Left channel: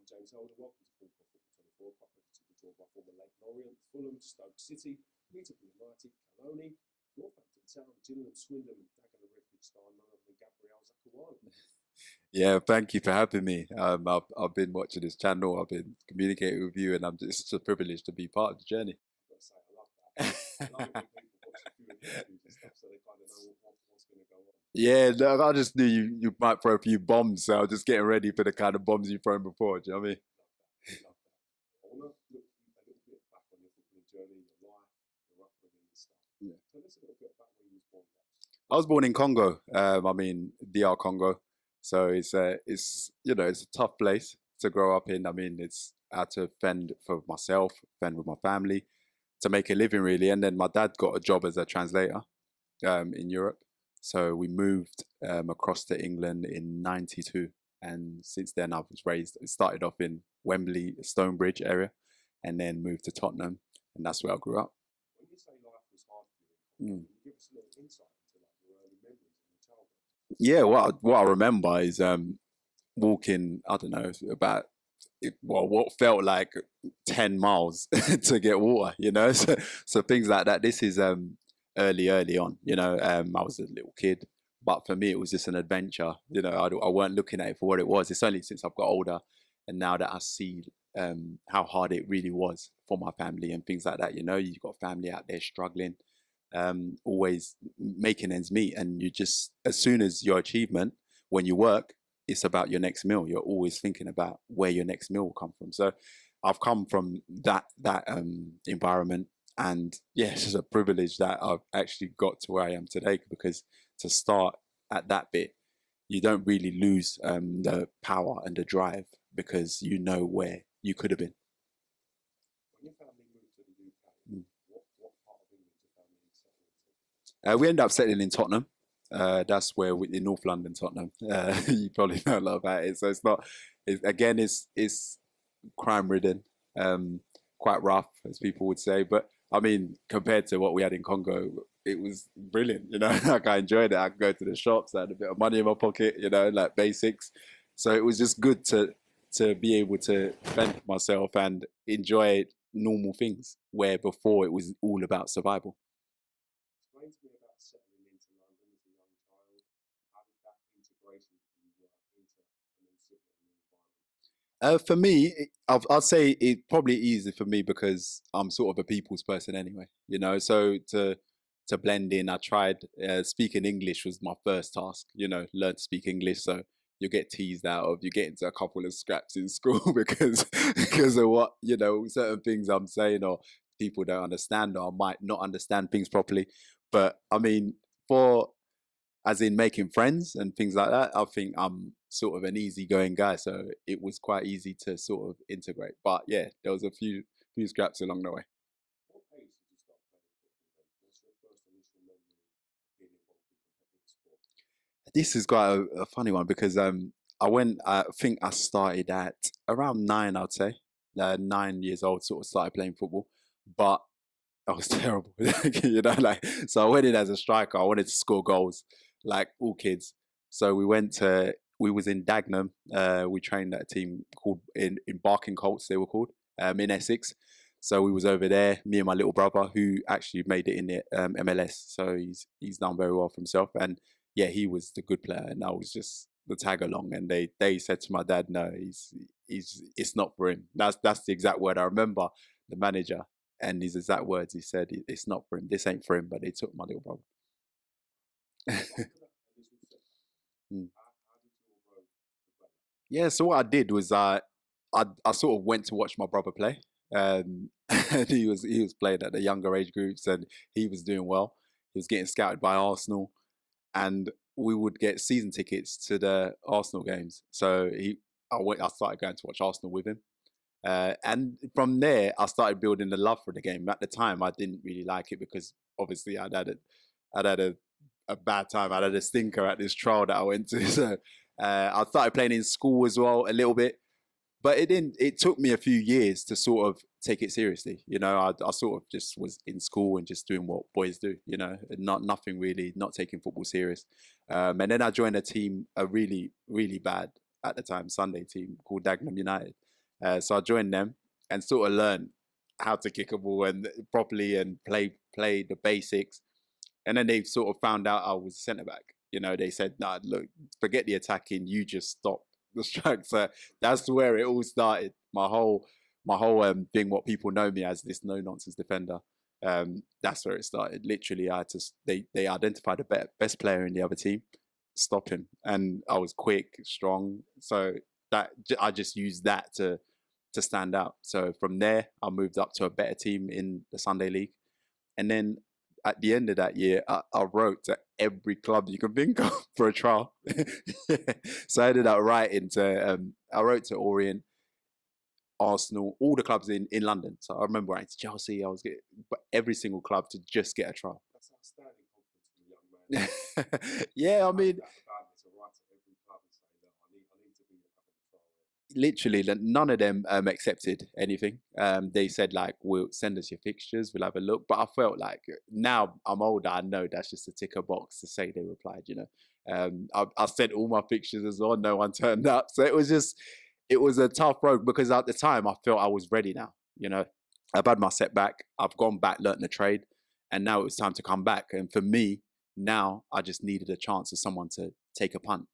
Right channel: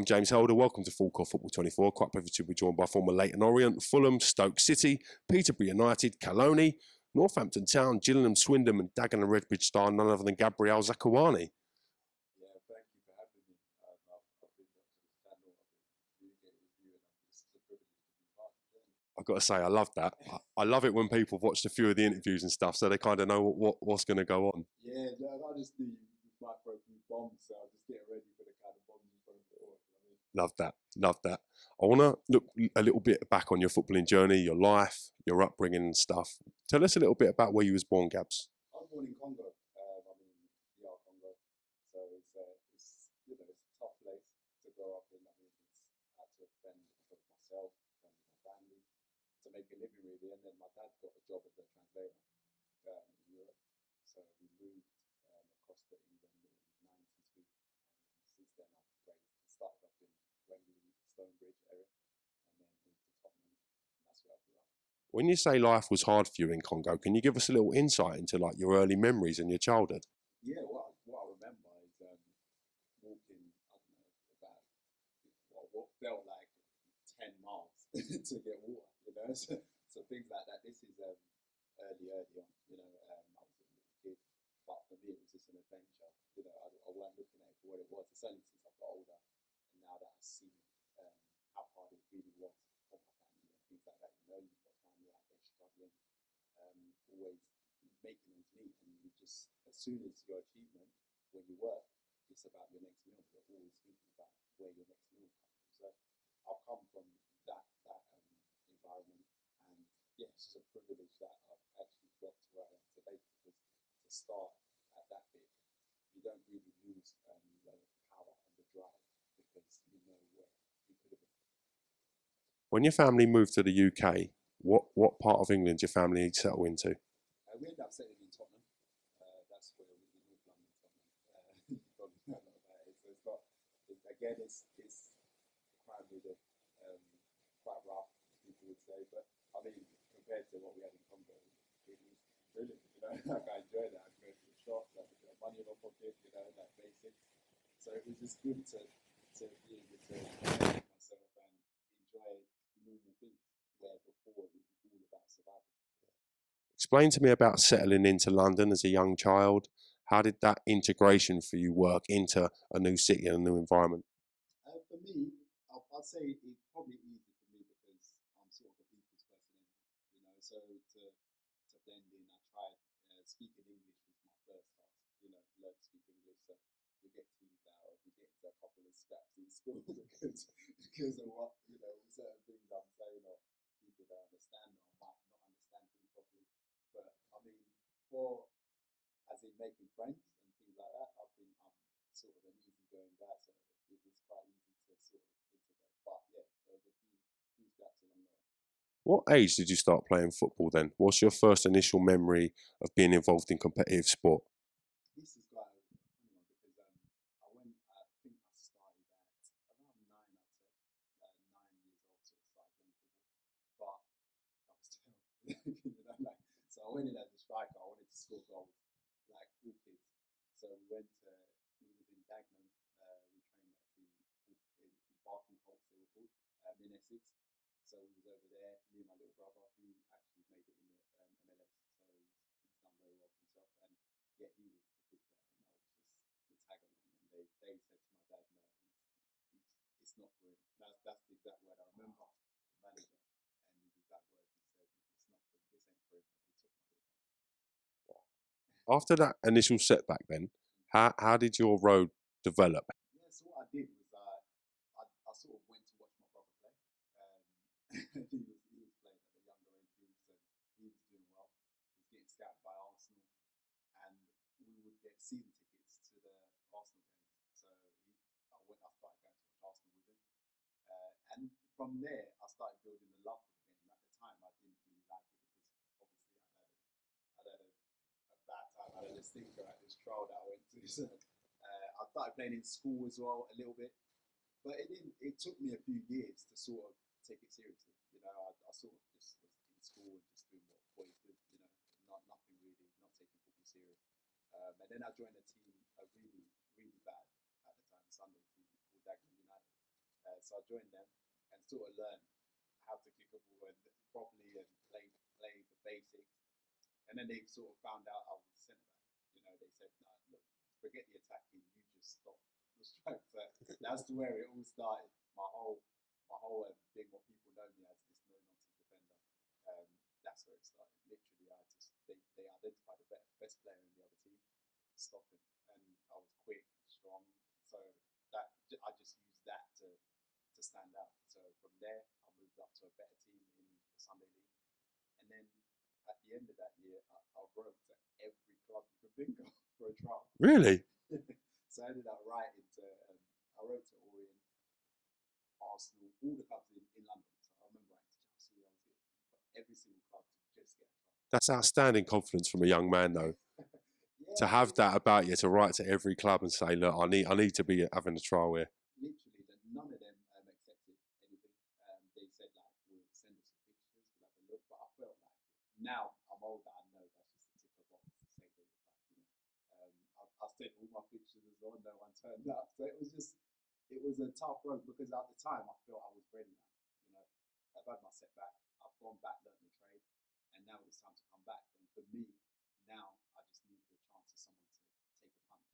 I'm James Helder. Welcome to Full Court Football 24. Quite privileged to be joined by former Leyton Orient, Fulham, Stoke City, Peterborough United, Caloney, Northampton Town, Gillingham, Swindon and Dagenham Redbridge star, none other than Gabriel Zakuani. Yeah, thank you for having me. I've been watching this channel, I've been communicating with you, and it's a privilege to be part of the journey. I've got to say, I love that. I love it when people have watched a few of the interviews and stuff, so they kind of know what's going to go on. Yeah, no, I just knew you might throw a few bombs, so I was just getting ready for the kind of bombs you've thrown before. Do you know what I mean? Love that. I want to look a little bit back on your footballing journey, your life, your upbringing and stuff. Yeah. Tell us a little bit about where you was born, Gabs. I was born in Congo. DR Congo. So it's a tough place to grow up in. I mean, it's I had to fend for myself, fend with my family, to make a living really. And then my dad got a job as a translator in Europe. So we moved across to England in '92. And since then I was raised, it started off in Wembley, Stonebridge area, and then moved to Tottenham. And that's where I grew up. When you say life was hard for you in Congo, can you give us a little insight into like your early memories and your childhood? Yeah, what I remember is walking, I don't know, about what felt like 10 miles to get water, you know? So things like that. This is early on, you know. I was a little kid, but for me, it was just an adventure. You know, I weren't looking at it for what it was. It's only since I've got older and now that I see how hard it really was for my family and things like that. You know, you've got family out there struggling, always making ends meet, and you just, as soon as your achievement, when you work, it's about your next meal. You're always thinking about where your next meal will come from. So I've come from that environment, and yeah, it's just a privilege that I've actually got to where I am today, because to start at that bit, you don't really lose the power and the drive, because you know where you could have been. When your family moved to the UK, what part of England did your family settle into? We ended up settling in Tottenham. That's where in North London, Tottenham. You probably know a lot about it. So it's crime-ridden, quite rough, as people would say. But I mean, compared to what we had in Congo, it was brilliant. You know, like I enjoyed it. I could go to the shops, I had a bit of money in my pocket. You know, like basics. So it was just good to be able to fend myself and enjoy normal things, where before it was all about survival. Explain to me about settling into London as a young child. How did that integration for you work into a new city and a new environment? For me, I'll say it probably easy for me because I'm sort of a people's person anyway, you know. So to blend in, I tried speaking English was my first task. You know, learn to speak English. So you get teased out of, you get into a couple of scraps in school because of what, you know, certain things I'm saying, or people don't understand, or I might not understand things properly. But I mean, as in making friends and things like that, I think I'm sort of an easygoing guy, so it was quite easy to sort of integrate. But yeah, there was a few scraps along the way. What age did you start playing football then? What's your first initial memory of being involved in competitive sport? This is quite a funny one, because I think I started at around 9, I'd say. 9 years old, sort of started playing football. But I was terrible, you know, like, so I went in as a striker. I wanted to score goals, like all kids. So we was in Dagenham. We trained at a team called in Barking Colts, they were called, in Essex. So we was over there, me and my little brother, who actually made it in the MLS. So he's done very well for himself. And yeah, he was the good player, and I was just the tag along. And they said to my dad, no, it's not for him. That's the exact word I remember. The manager. And his exact words, he said, it's not for him. This ain't for him. But they took my little brother. After that initial setback then, how did your road develop? Yeah, so what I did was I sort of went to watch my brother play. And he was playing at the younger age groups, and he was doing well. He was getting scouted by Arsenal, and we would get season tickets to the Arsenal games. So I started going to watch Arsenal with him. And from there, I started building the love for the game. At the time, I didn't really like it because obviously I'd had a bad time. I'd had a stinker at this trial that I went to. So I started playing in school as well a little bit, but it took me a few years to sort of take it seriously. You know, I sort of just was in school and just doing what boys do, you know, and nothing really, not taking football serious. And then I joined a team, a really, really bad at the time Sunday team called Dagenham United. So I joined them and sort of learned how to kick a ball and properly and play the basics. And then they sort of found out I was centre back. You know, they said, "Nah, look, forget the attacking. You just stop the strike." So that's where it all started. My whole thing, what people know me as, this no nonsense defender. That's where it started. Literally, I had to. They identified the best player in the other team, stop him, and I was quick, strong. So that I just used that to stand out. So from there, I moved up to a better team in the Sunday League, and then at the end of that year, I wrote to every club you can think of for a trial. Really? So I ended up writing to, I wrote to Orient, Arsenal, all the clubs in London. So I remember writing to Chelsea, I was getting every single club to just get a trial. That's outstanding confidence from a young man, though. Yeah, to have that about you, to write to every club and say, look, I need to be having a trial here. Literally, none of them accepted anything. They said, like, we'll send us your fixtures, we'll have a look. But I felt like, now I'm older, I know that's just a ticker box to say they replied, you know. I sent all my fixtures as well, no one turned up. So it was a tough road, because at the time I felt I was ready now. You know, I've had my setback, I've gone back, learnt the trade, and now it was time to come back. And for me, now I just needed a chance of someone to take a punt.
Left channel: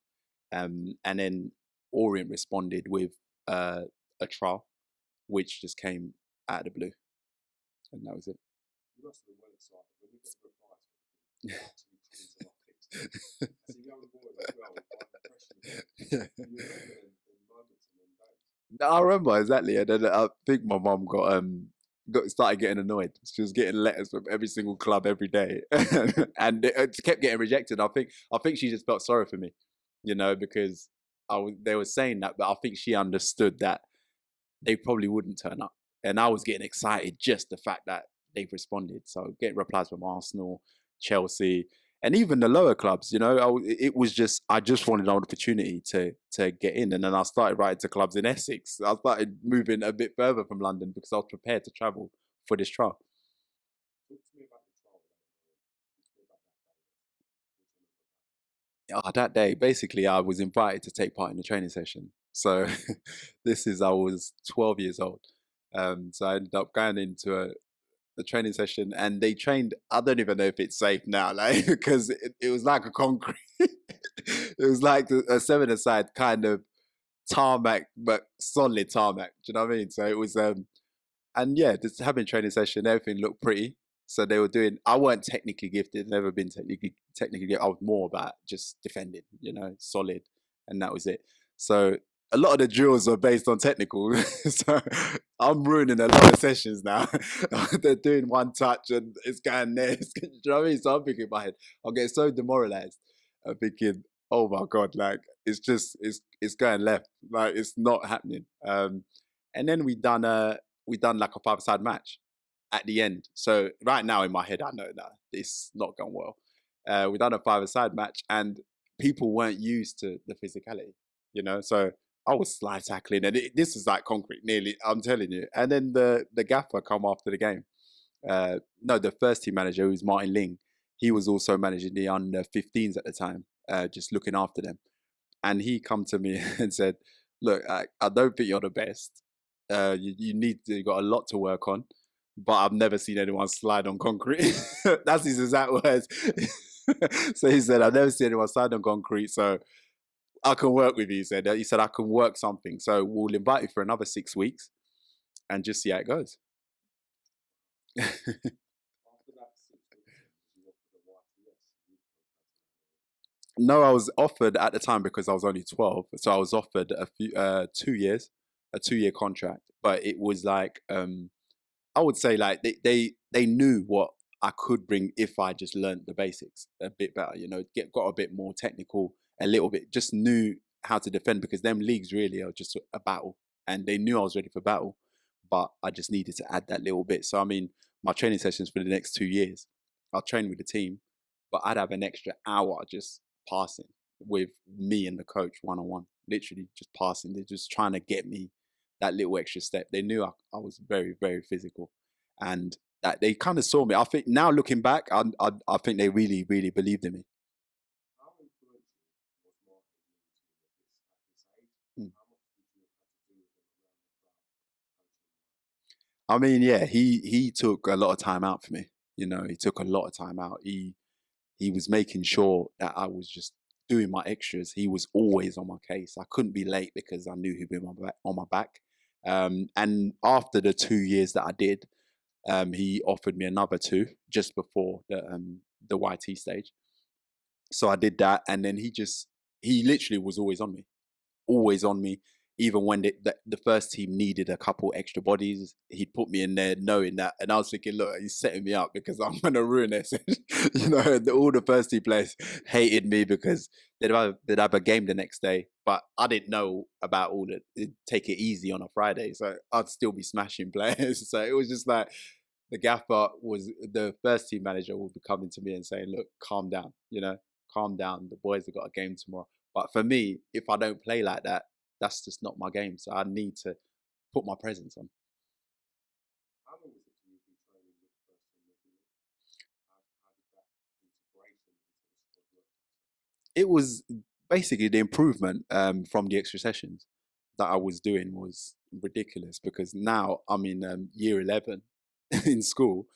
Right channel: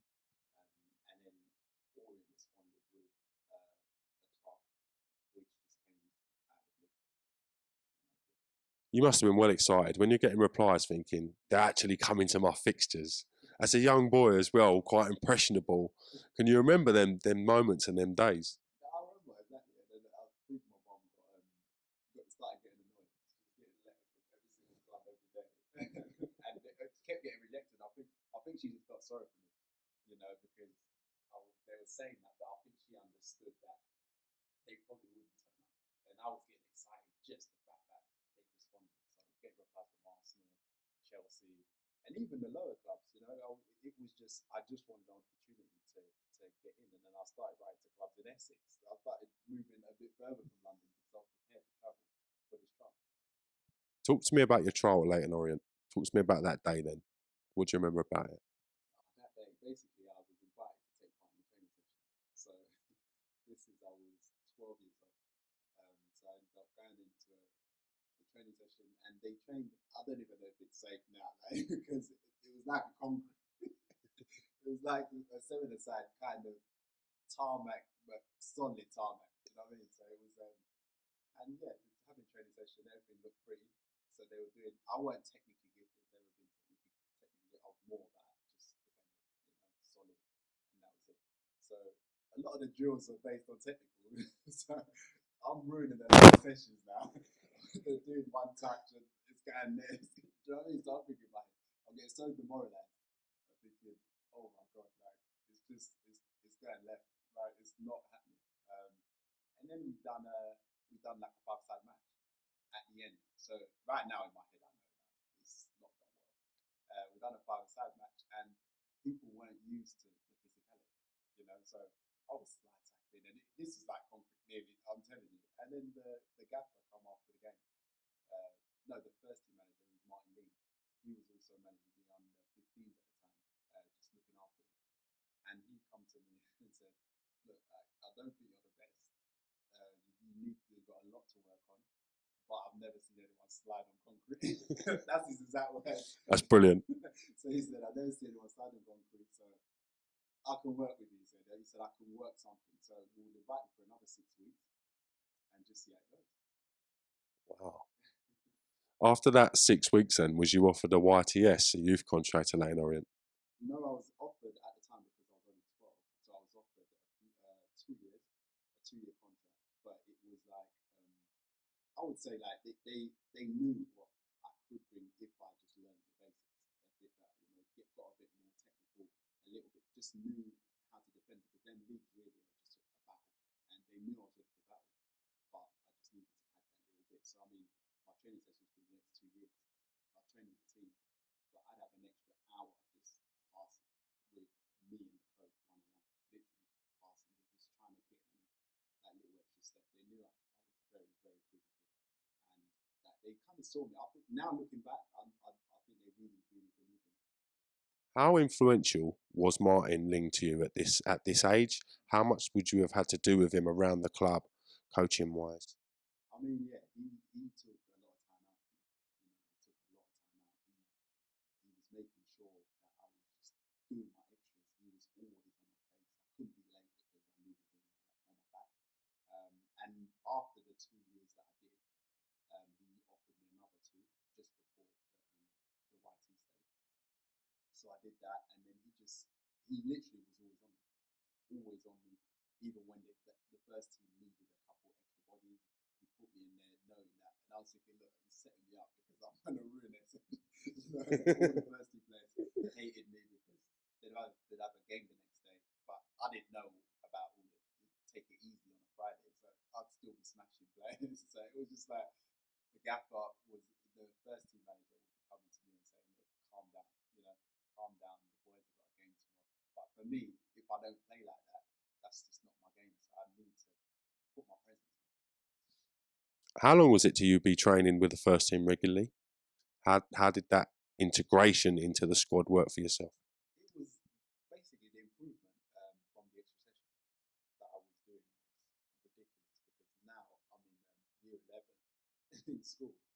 And then Orient responded with a trial, which just came out of the blue, and that was it. You must have been well excited when you're getting replies thinking, they're actually coming to my fixtures. As a young boy as well, quite impressionable. Yeah. Can you remember them moments and them days? I remember, exactly. And then I think my mum got started getting annoyed. She was getting letters from every single club every day, and it kept getting rejected. I think she just felt sorry for me, you know, because they were saying that, but I think she understood that they probably wouldn't turn up, and I was getting excited just the fact that they've responded. So getting replies from Arsenal, Chelsea, and even the lower clubs, you know, I just wanted an opportunity to get in. And then I started writing to clubs in Essex. I started moving a bit further from London because I was prepared to travel for this trial. Talk to me about your trial at Leyton Orient. Talk to me about that day then. What do you remember about it? That day, basically, I was invited to take part in the training session. So I was 12 years old. So I ended up going into the training session, and they trained, I don't even know if it's safe now, like, because it was like a concrete, it was like a 7-a-side kind of tarmac, but solid tarmac. Do you know what I mean? So it was, and yeah, just having a training session, everything looked pretty. So they were doing, I weren't technically gifted, never been technically gifted. I was more about just defending, you know, solid, and that was it. So a lot of the drills are based on technical. So I'm ruining a lot of sessions now. They're doing one touch and it's going there. Do you know what I mean? So I'm thinking in my head, I'm getting so demoralized. I'm thinking, oh my God, like, it's going left. Like, it's not happening. And then we done like a 5-a-side match at the end. So right now in my head, I know that it's not gone well. We done a 5-a-side match, and people weren't used to the physicality, you know? So I was slide tackling, and this is like concrete, nearly, I'm telling you. And then the gaffer come after the game. No, the first team manager, who's Martin Ling, he was also managing the under 15s at the time, just looking after them. And he come to me and said, look, I don't think you're the best. You got a lot to work on, but I've never seen anyone slide on concrete. That's his exact words. That's brilliant. So he said, I've never seen anyone slide on concrete, so I can work with you, he said. He said, I can work something. So we'll invite you for another 6 weeks and just see how it goes. Wow. After that 6 weeks then, was you offered a YTS, a youth contract at Leyton Orient? No, I was offered at the time, because I was only 12. So I was offered a 2-year contract. But it was like, I would say, like, they knew what I could bring if I just learned the basics a bit better, you know, got a bit more technical, a little bit, just knew how to defend, because them leagues really are just a battle, and they knew I was ready for battle, but I just needed to add that little bit. So, I mean, my training sessions for the next 2 years, I'll train with the team, but I'd have an extra hour just passing with me and the coach one-on-one, literally just passing. They're just trying to get me that little extra step. They knew I was very, very physical, and that they kind of saw me. I think now, looking back, I think they really, really believed in me. How influential was Martin Ling to you at this age? Mm. How much would you have had to do with him around the club, coaching wise? I mean, yeah, he took a lot of time out for me. You know, he took a lot of time out. He was making sure that I was just doing my extras. He was always on my case. I couldn't be late because I knew he'd be on my back. And after the 2 years that I did, he offered me another two just before the YT stage. So I did that, and then he literally was always on me. Even when the first team needed a couple extra bodies, he'd put me in there knowing that. And I was thinking, look, he's setting me up because I'm going to ruin this. You know, all the first team players hated me because they'd have a game the next day. But I didn't know about all the take it easy on a Friday. So I'd still be smashing players. So it was just like the the first team manager would be coming to me and saying, look, calm down, you know, calm down. The boys have got a game tomorrow. But for me, if I don't play like that, that's just not my game. So I need to put my presence on. How long was it till you be training with the first team regularly? How did that integration into the squad work for yourself? It was basically the improvement from the extra sessions that I was doing was ridiculous because now I'm in year 11 in school,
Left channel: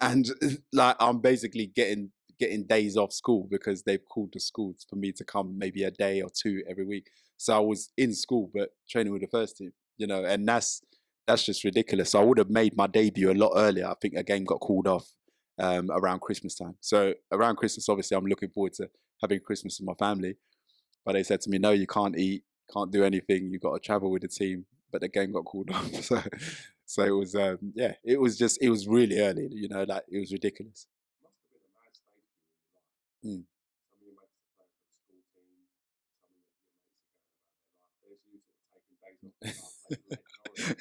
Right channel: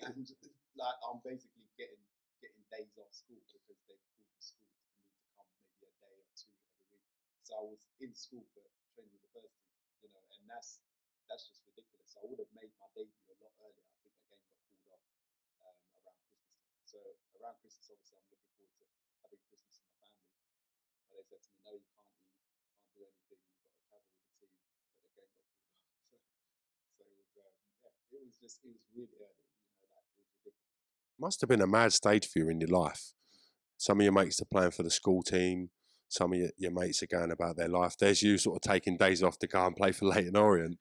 and like I'm basically getting days off school because they've called the schools for me to come maybe a day or two every week. So I was in school but training with the first team, you know, and that's just ridiculous. So I would have made my debut a lot earlier. I think a game got called off around Christmas time. So around Christmas, obviously, I'm looking forward to having Christmas with my family. But they said to me, no, you can't eat, can't do anything. You've got to travel with the team. But the game got called off. So it was, it was really early, you know, like it was ridiculous. Must have been a mad stage for you in your life. Mm. Some of your mates are playing for the school team. Some of your mates are going about their life. There's you sort of taking days off to go and play for Leyton Orient.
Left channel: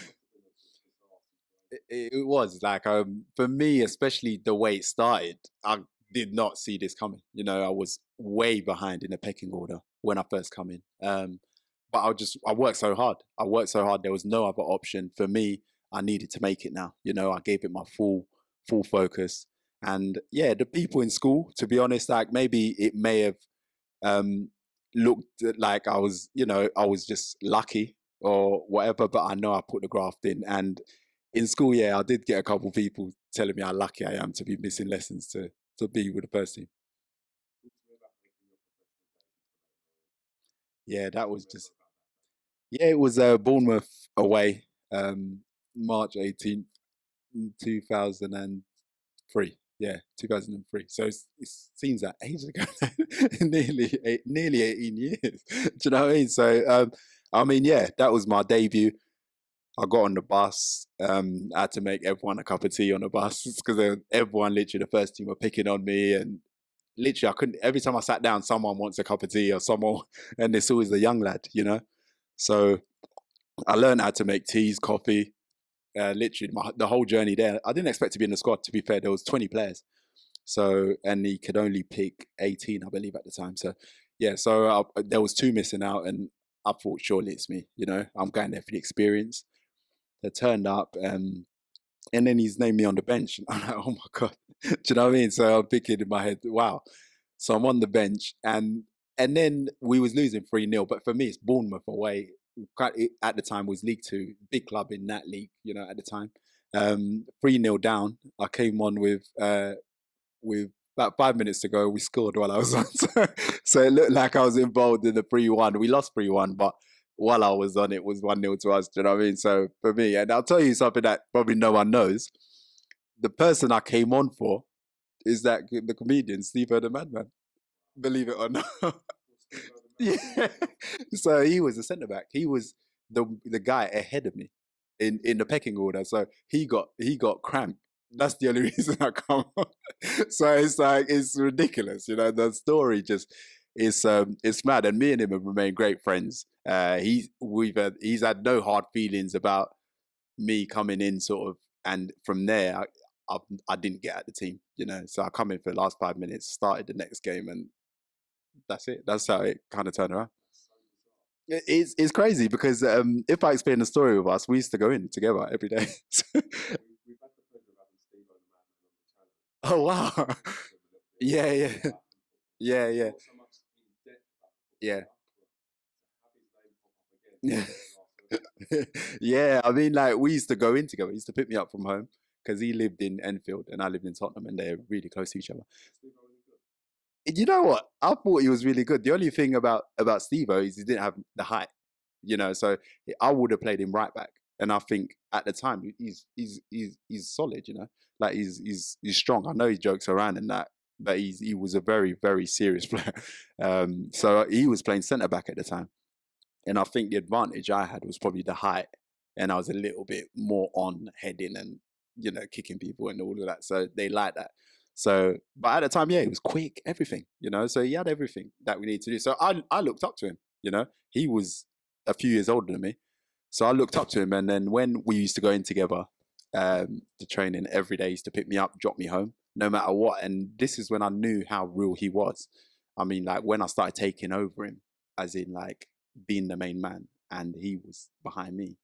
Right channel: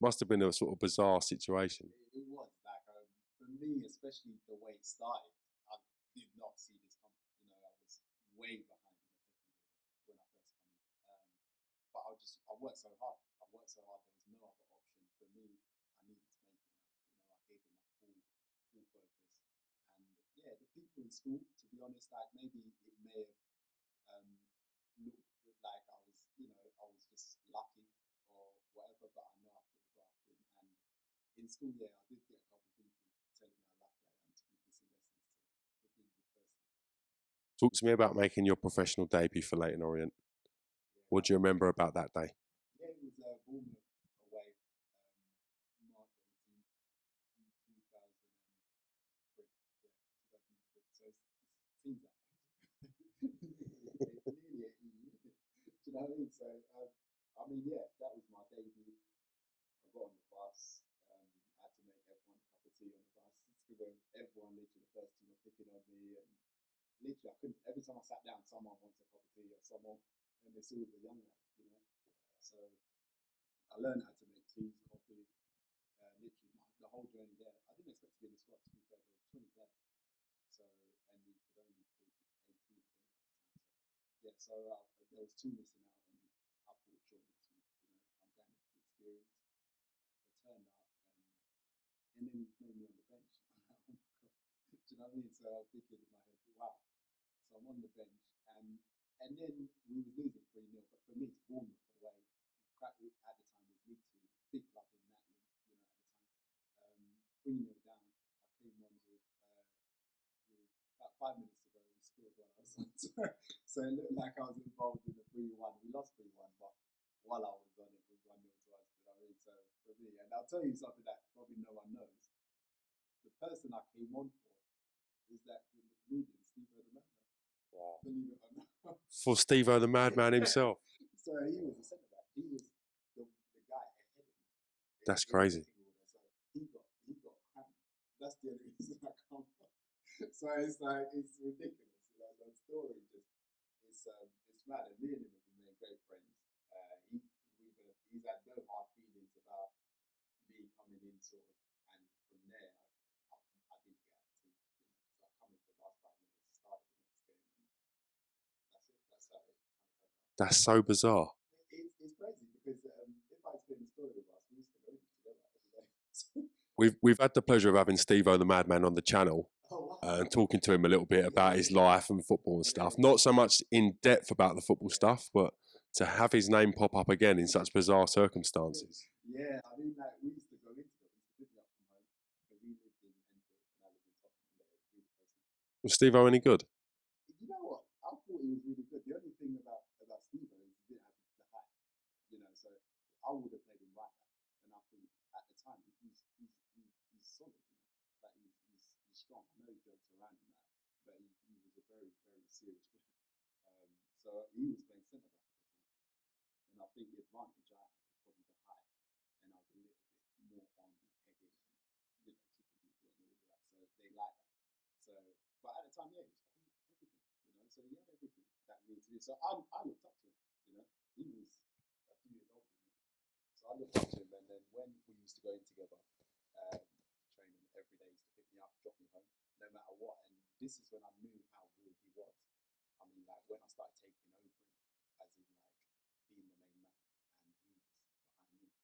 Must have been a sort of bizarre situation. It was like, for me, especially the way it started, I did not see this coming. You know, I was way behind in the pecking order when I first come in. But I worked so hard. There was no other option for me. I needed to make it now. You know, I gave it my full focus. And yeah, the people in school, to be honest, like maybe it may have looked like I was just lucky or whatever, but I know I put the graft in. And in school, yeah, I did get a couple of people telling me how lucky I am to be missing lessons to be with the first team. Talk to me about making your professional debut for Leyton Orient. Yeah, what do you remember about that day? Yeah, it was Bournemouth away, March 18th, 2003. Yeah, 2003. So it seems like ages ago, nearly 18 years. Do you know what I mean? So, I mean, yeah, that was my debut. I got on the bus. I had to make everyone a cup of tea on the bus because everyone, literally, the first team were picking on me, and literally, I couldn't. Every time I sat down, someone wants a cup of tea or someone, and it's always the young lad, you know. So I learned how to make teas, coffee. Literally, the whole journey there. I didn't expect to be in the squad. To be fair, there was 20 players, so and he could only pick 18, I believe, at the time. So yeah, so there was two missing out, and I thought surely it's me. You know, I'm going there for the experience. They turned up, and then he's named me on the bench. I'm like, oh my god, do you know what I mean? So I'm thinking in my head, wow. So I'm on the bench, and then we was losing 3-0. But for me, it's Bournemouth away. At the time was League Two, big club in that league, you know, at the time. 3-0 down. I came on with about 5 minutes to go. We scored while I was on, so it looked like I was involved in the 3-1. We lost 3-1, but while I was on, it was 1-0 to us. Do you know what I mean? So for me, and I'll tell you something that probably no one knows. The person I came on for is the comedian Steve-O the Madman. Believe it or not. For Steve-O the Madman himself. So he was a centre back. He was the guy ahead of me in the pecking order. So he got cramp. That's the only reason I come on. So it's like, it's ridiculous, you know. The story just is it's mad. And me and him have remained great friends. He's had no hard feelings about me coming in, sort of, and from there I didn't get at the team, you know. So I come in for the last 5 minutes, started the next game, and that's it. That's how it kind of turned around. That's so bizarre. It's crazy because if I explain the story with us, we used to go in together every day. We've had the pleasure of having Steve-O the Madman on the channel. Oh wow! Talking to him a little bit Yeah, about his yeah. life and football and Yeah, stuff. yeah. Not so much in depth about the football Yeah. stuff, but to have his name pop up again in such bizarre circumstances. Yeah, I mean, like we used to go in together. He used to pick me up from home because he lived in Enfield and I lived in Tottenham, and they're really close to each other. Was Steve-O any good? You know what? I thought he was really good. The only thing about Steve-O is he didn't have the height, you know. So I would have played him right back, and I think at the time he's solid, you know. Like he's strong. I know he jokes around and that, but he was a very, very serious player. So he was playing centre back at the time, and I think the advantage I had was probably the height, and I was a little bit more on heading and, you know, kicking people and all of that. So they liked that. So, but at the time, yeah, he was quick, everything, you know. So he had everything that we need to do. So I looked up to him, you know. He was a few years older than me, so I looked up to him. And then when we used to go in together, to training every day, he used to pick me up, drop me home, no matter what. And this is when I knew how real he was. I mean, like when I started taking over him, as in like being the main man, and he was behind me.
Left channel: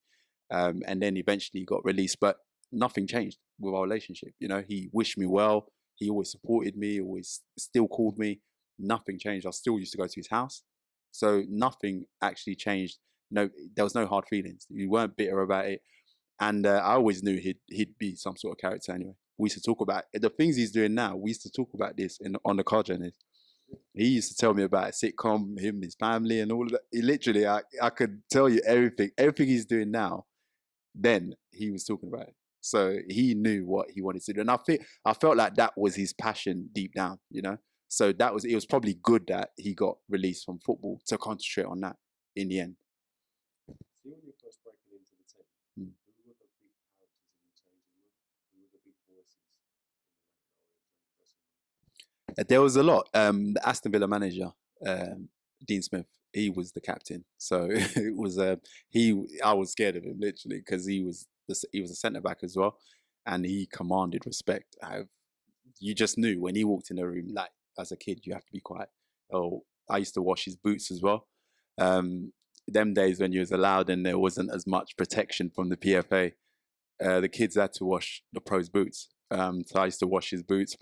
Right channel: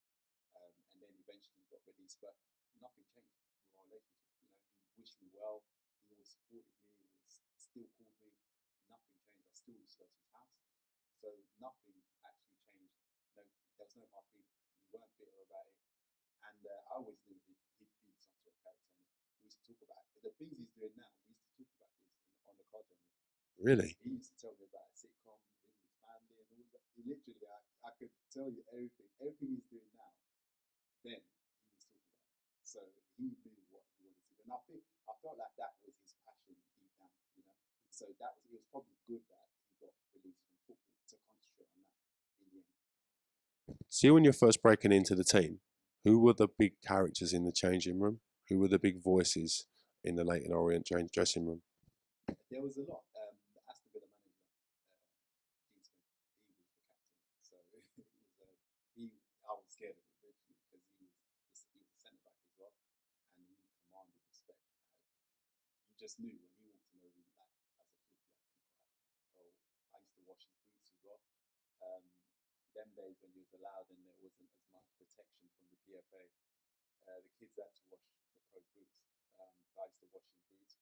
And then eventually he got released, but nothing changed with our relationship. You know, he wished me well. He always supported me, always still called me. Nothing changed. I still used to go to his house. So nothing actually changed. No, there was no hard feelings. We weren't bitter about it. And I always knew he'd be some sort of character anyway. We used to talk about the things he's doing now. We used to talk about this on the car journey. Really? He used to tell me about a sitcom, him, his family, and all of that. He literally, I could tell you everything he's doing now. Then he was talking about it. So he knew what he wanted to do. And I felt like that was his passion deep down, you know? So it was probably good that he got released from football to concentrate on that in the end. See, when you're first breaking into the team, who were the big characters in the changing room? Who were the big voices in the Leyton Orient dressing room? There was a lot. The Aston Villa manager, Dean Smith, he was the captain. So it was I was scared of him literally because he was a centre back as well, and he commanded respect. You just knew when he walked in the room, like as a kid, you have to be quiet. Oh, I used to wash his boots as well. Them days when you was allowed and there wasn't as much protection from the PFA, the kids had to wash the pros' boots. So I used to wash his boots,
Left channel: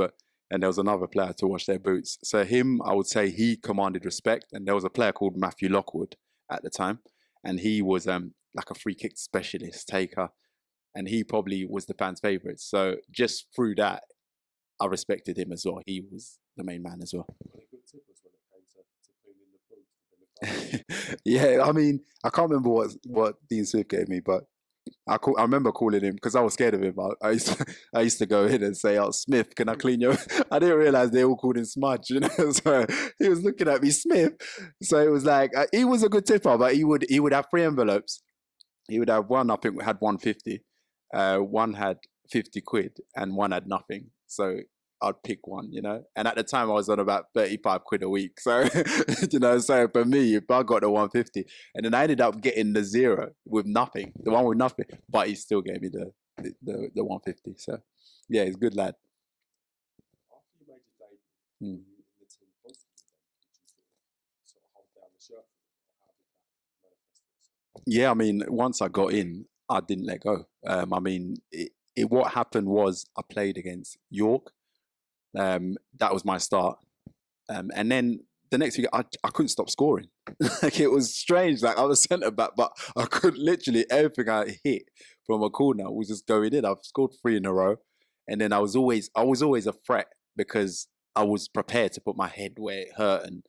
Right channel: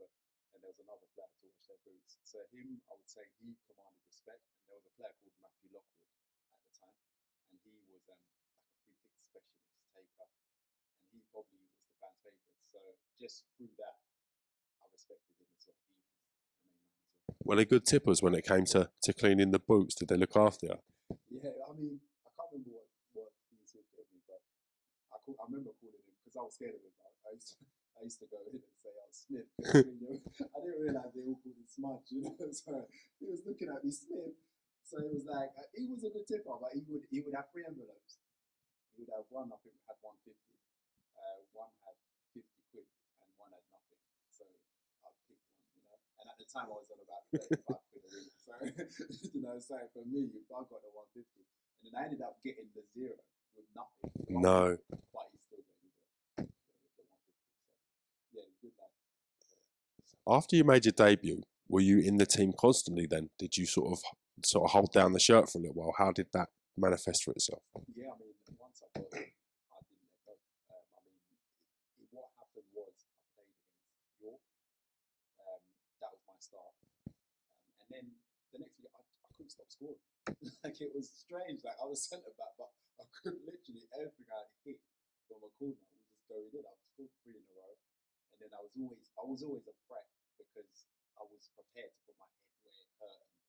and there was another player to wash their boots. So him, I would say he commanded respect. And there was a player called Matthew Lockwood at the time, and he was like a free kick specialist taker, and he probably was the fans' favourite. So just through that, I respected him as well. He was the main man as well. Were they good tippers when it came to cleaning the boots? Did they look after you? Yeah, I mean, I can't remember what Dean Smith gave me, but I remember calling him because I was scared of him. I used to go in and say, "Oh, Smith, can I clean your?" I didn't realize they all called him Smudge, you know. So he was looking at me, Smith. So it was like he was a good tipper, but he would have 3 envelopes. He would have one, I think, had 150, one had 50 quid, and one had nothing. So I'd pick one, you know. And at the time, I was on about 35 quid a week. So, you know, so for me, if I got the 150, and then I ended up getting the 0 with nothing, the one with nothing, but he still gave me the 150. So, yeah, he's a good lad. After you made your debut, were you in the team constantly then? Did you sort of hold down the shirt for a little while? How did that manifest for itself? Yeah, I mean, once I got in, I didn't let go. I mean, what happened was I played against York. That was my start. And then the next week, I couldn't stop scoring. Like, it was strange. Like, I was centre back, but I could literally, everything I hit from a corner was just going in. I've scored 3 in a row. And then I was always a threat because I was prepared to put my head where it hurt. And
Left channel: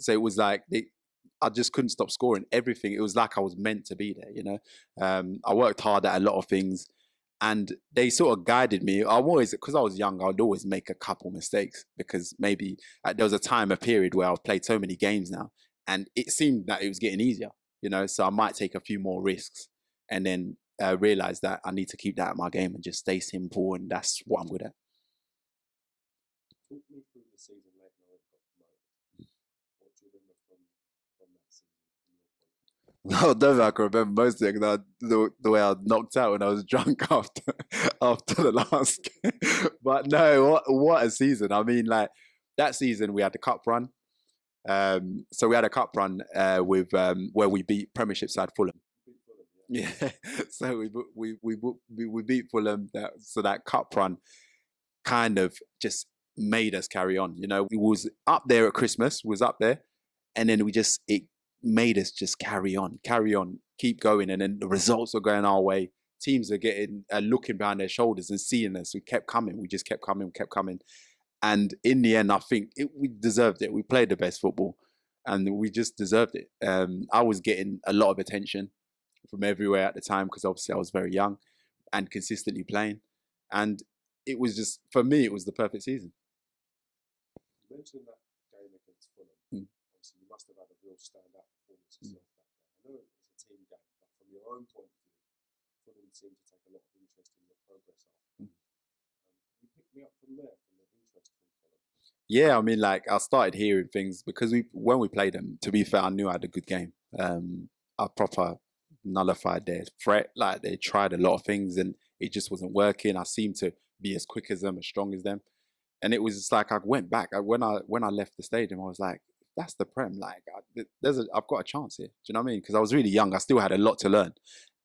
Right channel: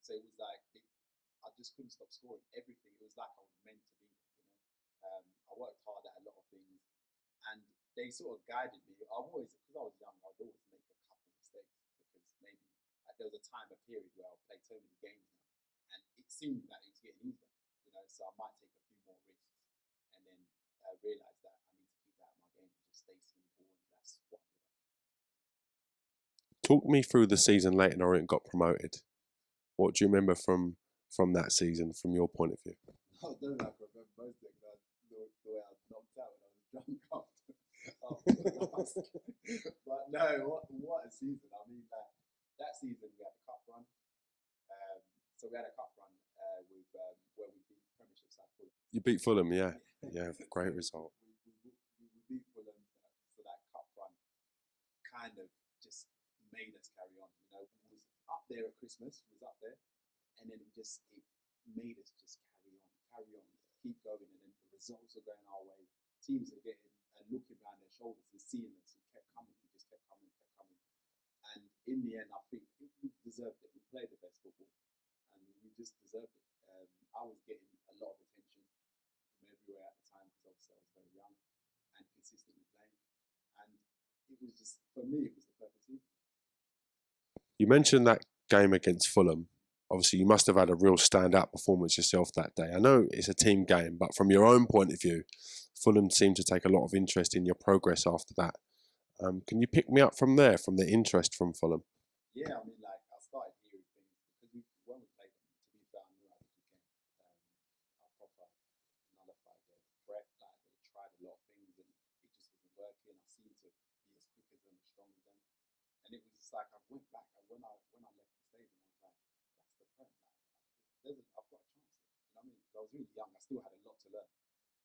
so it was like, I just couldn't stop scoring everything. It was like I was meant to be there, you know. I worked hard at a lot of things. And they sort of guided me. Because I was young, I'd always make a couple mistakes because maybe there was a period where I've played so many games now and it seemed that it was getting easier, you know, so I might take a few more risks and then realize that I need to keep that at my game and just stay simple, and that's what I'm good at. Talk me through the season Leyton Orient got promoted. What do you remember from that season, from your point of view? No, definitely I can remember most of it because the way I knocked out when I was drunk after the last game. But no, what a season. I mean, like, that season we had the cup run. So we had a cup run with where we beat Premiership side Fulham. You beat Fulham, yeah. Yeah. Great So result. we beat Fulham. So that cup run kind of just made us carry on. You know, we was up there at Christmas, was up there, and then it made us just carry on, keep going, and then the results are going our way. Teams are looking behind their shoulders and seeing us. We kept coming. We just kept coming. And in the end, I think we deserved it. We played the best football, and we just deserved it. I was getting a lot of attention from everywhere at the time because obviously I was very young and consistently playing. And it was just, for me, it was the perfect season. You mentioned that game against Fulham. Obviously, you must have had a real standout performance yourself that day. I know it's a team game, but from your own point of view, Fulham seemed to take a lot of interest in your progress after that. Can you pick me up from there, from the interest from Fulham? Yeah, I mean, like, I started hearing things because when we played them, to be fair, I knew I had a good game. I proper nullified their threat. Like, they tried a lot of things and it just wasn't working. I seemed to be as quick as them, as strong as them. And it was just like, I went back. When I left the stadium, I was like, that's the Prem. Like, I've got a chance here. Do you know what I mean? Because I was really young. I still had a lot to learn.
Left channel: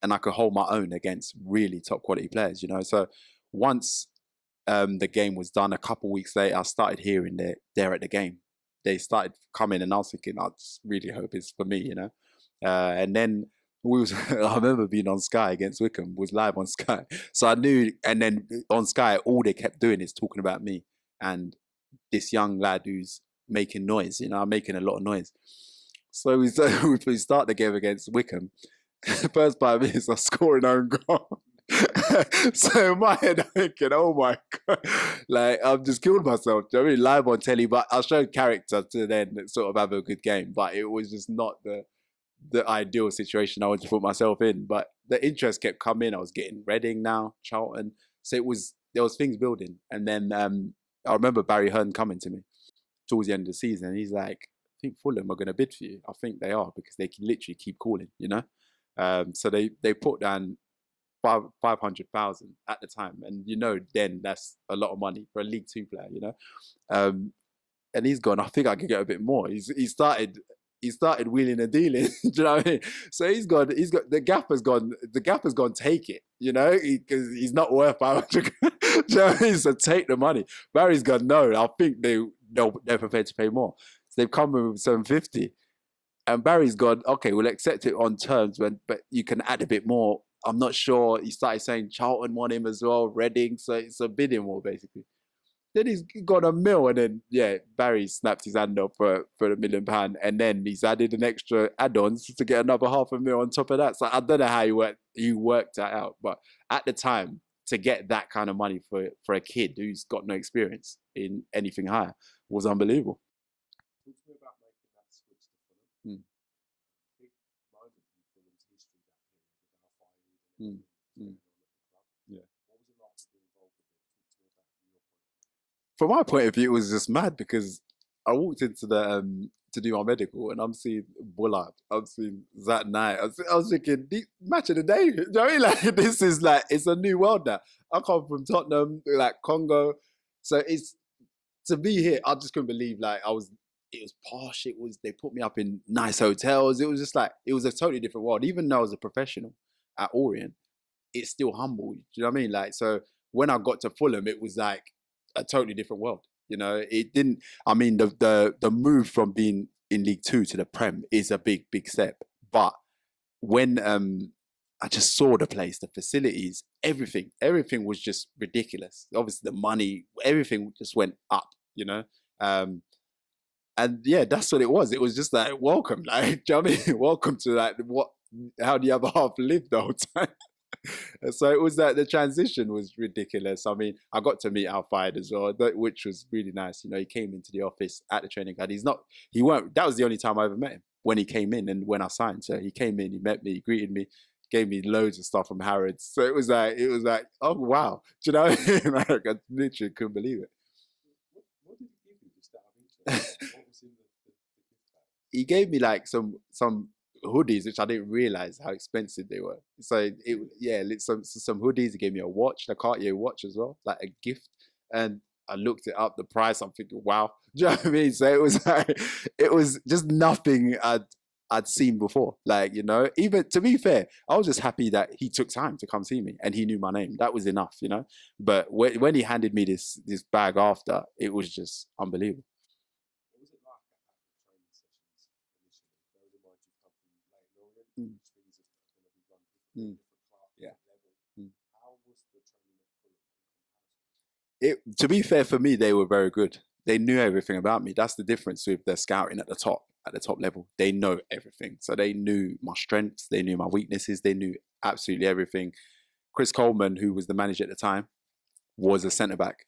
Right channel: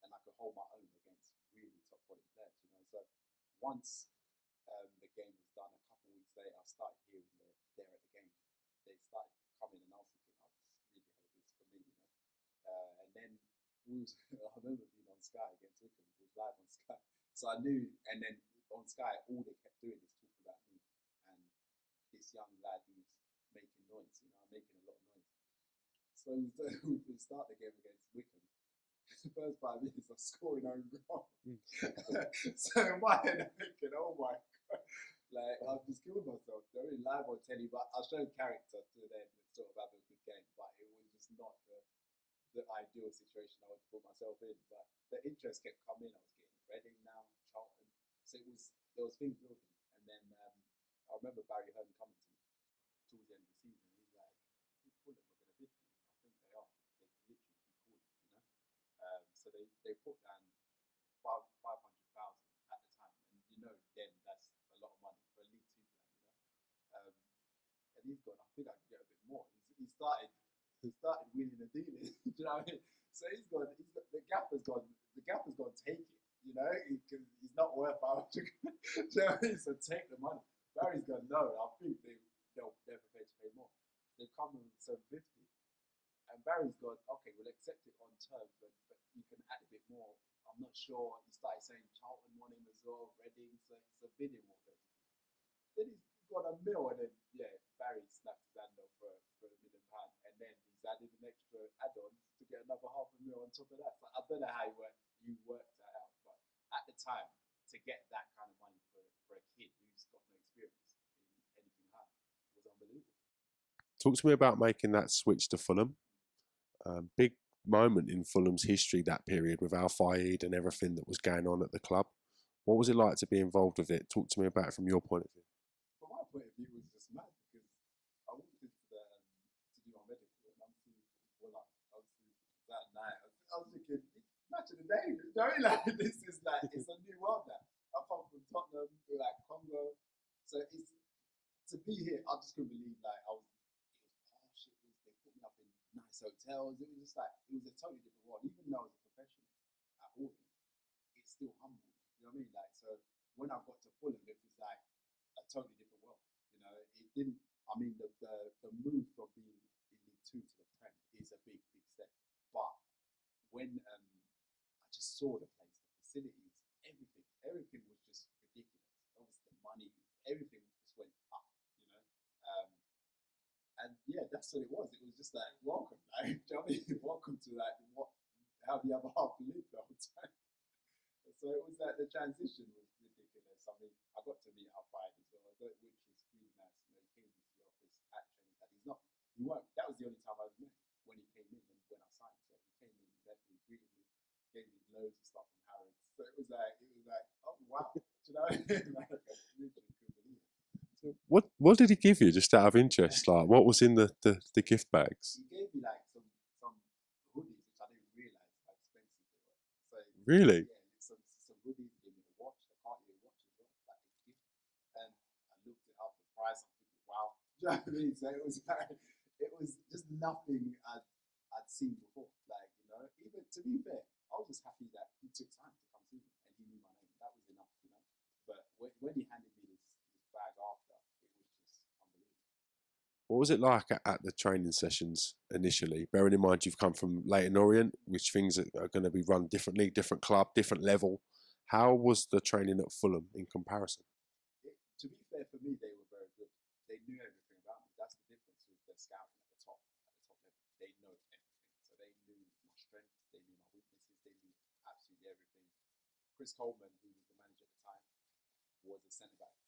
And I could hold my own against really top quality players, you know? So once the game was done, a couple of weeks later, I started hearing they're at the game. They started coming and I was thinking, I just really hope it's for me, you know? And then I remember being on Sky against Wickham, was live on Sky. So I knew, and then on Sky, all they kept doing is talking about me and this young lad who's making noise, you know, I'm making a lot of noise. So we start the game against Wickham. First 5 minutes, I score an own goal. So in my head, I'm thinking, oh my God, like, I've just killed myself. Do you know what I mean? Live on telly, but I showed character to then sort of have a good game. But it was just not the ideal situation I wanted to put myself in. But the interest kept coming. I was getting Reading now, Charlton. So there was things building. And then I remember Barry Hearn coming to me towards the end of the season. And he's like, I think Fulham are going to bid for you. I think they are because they can literally keep calling, you know? So they put down 500,000 at the time, and you know then that's a lot of money for a League Two player, you know. And he's gone, I think I could get a bit more. He started wheeling and dealing. Do you know what I mean? So he's got the gaffer's gone. The gaffer's gone. Take it, you know, because he's not worth 500. Do you know what I mean? So take the money. Barry's gone. No, I think they're prepared to pay more. So they've come with 750. And Barry's gone, okay, we'll accept it on terms, but you can add a bit more. I'm not sure. He started saying Charlton want him as well, Reading, so it's a bidding war, basically. Then he's got $1 million, and then, Barry snapped his hand off for £1 million, and then he's added an extra add-ons to get another $500,000 on top of that. So I don't know how he worked that out, but at the time, to get that kind of money for a kid who's got no experience in anything higher was unbelievable. Talk to me about making that switch to Fulham. Big moment in Fulham's history, that period with Al Fayed and everything that was going on at the club. Yeah. What was it like to be involved with it? Talk to me about it from your point of view. From my point of view, it was just mad because I walked into the to do my medical and I'm seeing Bullard, I'm seeing Zat Knight. I was thinking, match of the day. You know what I mean? Like, this is like, it's a new world now. I come from Tottenham, like Congo. So it's, to be here, I just couldn't believe, like, it was posh. They put me up in nice hotels. It was just like, it was a totally different world. Even though I was a professional at Orient, it's still humble. Do you know what I mean? Like, so when I got to Fulham, it was like a totally different world. You know, it didn't, I mean, the move from being in League Two to the Prem is a big, big step. But when I just saw the place, the facilities, everything was just ridiculous. Obviously the money, everything just went up, you know? And yeah, that's what it was. It was just like, welcome, like, do you know what I mean? Welcome to like how the other half lived the whole time. So it was that the transition was ridiculous. I mean, I got to meet Al Fayed as well, which was really nice. You know, he came into the office at the training ground. That was the only time I ever met him, when he came in and when I signed. So he came in, he met me, he greeted me, gave me loads of stuff from Harrods. So it was like, oh wow. Do you know what I mean? Like, I literally couldn't believe it. What did he give you, just out of interest? Like, what was in the gift bags? He gave me like some hoodies, which I didn't realize how expensive they were. So really, some hoodies. He gave me a watch, a Cartier watch as well, like a gift. And I looked it up, the price. I'm thinking, wow. Do you know what I mean? So it was like, it was just nothing I'd seen before. Like, you know, even to be fair, I was just happy that he took time to come see me and he knew my name. That was enough, you know. But when he handed me this bag after, it was just unbelievable. What was it like at the training sessions initially? Bearing in mind you've come from Leyton Orient, which things are going to be run differently, different club, different level. How was the training at Fulham in comparison? To be fair, for me, they were very good. They knew everything about me. That's the difference with the scouting at the top level. They know everything. So they knew my strengths, they knew my weaknesses, they knew absolutely everything. Chris Coleman, who was the manager at the time, was a centre-back.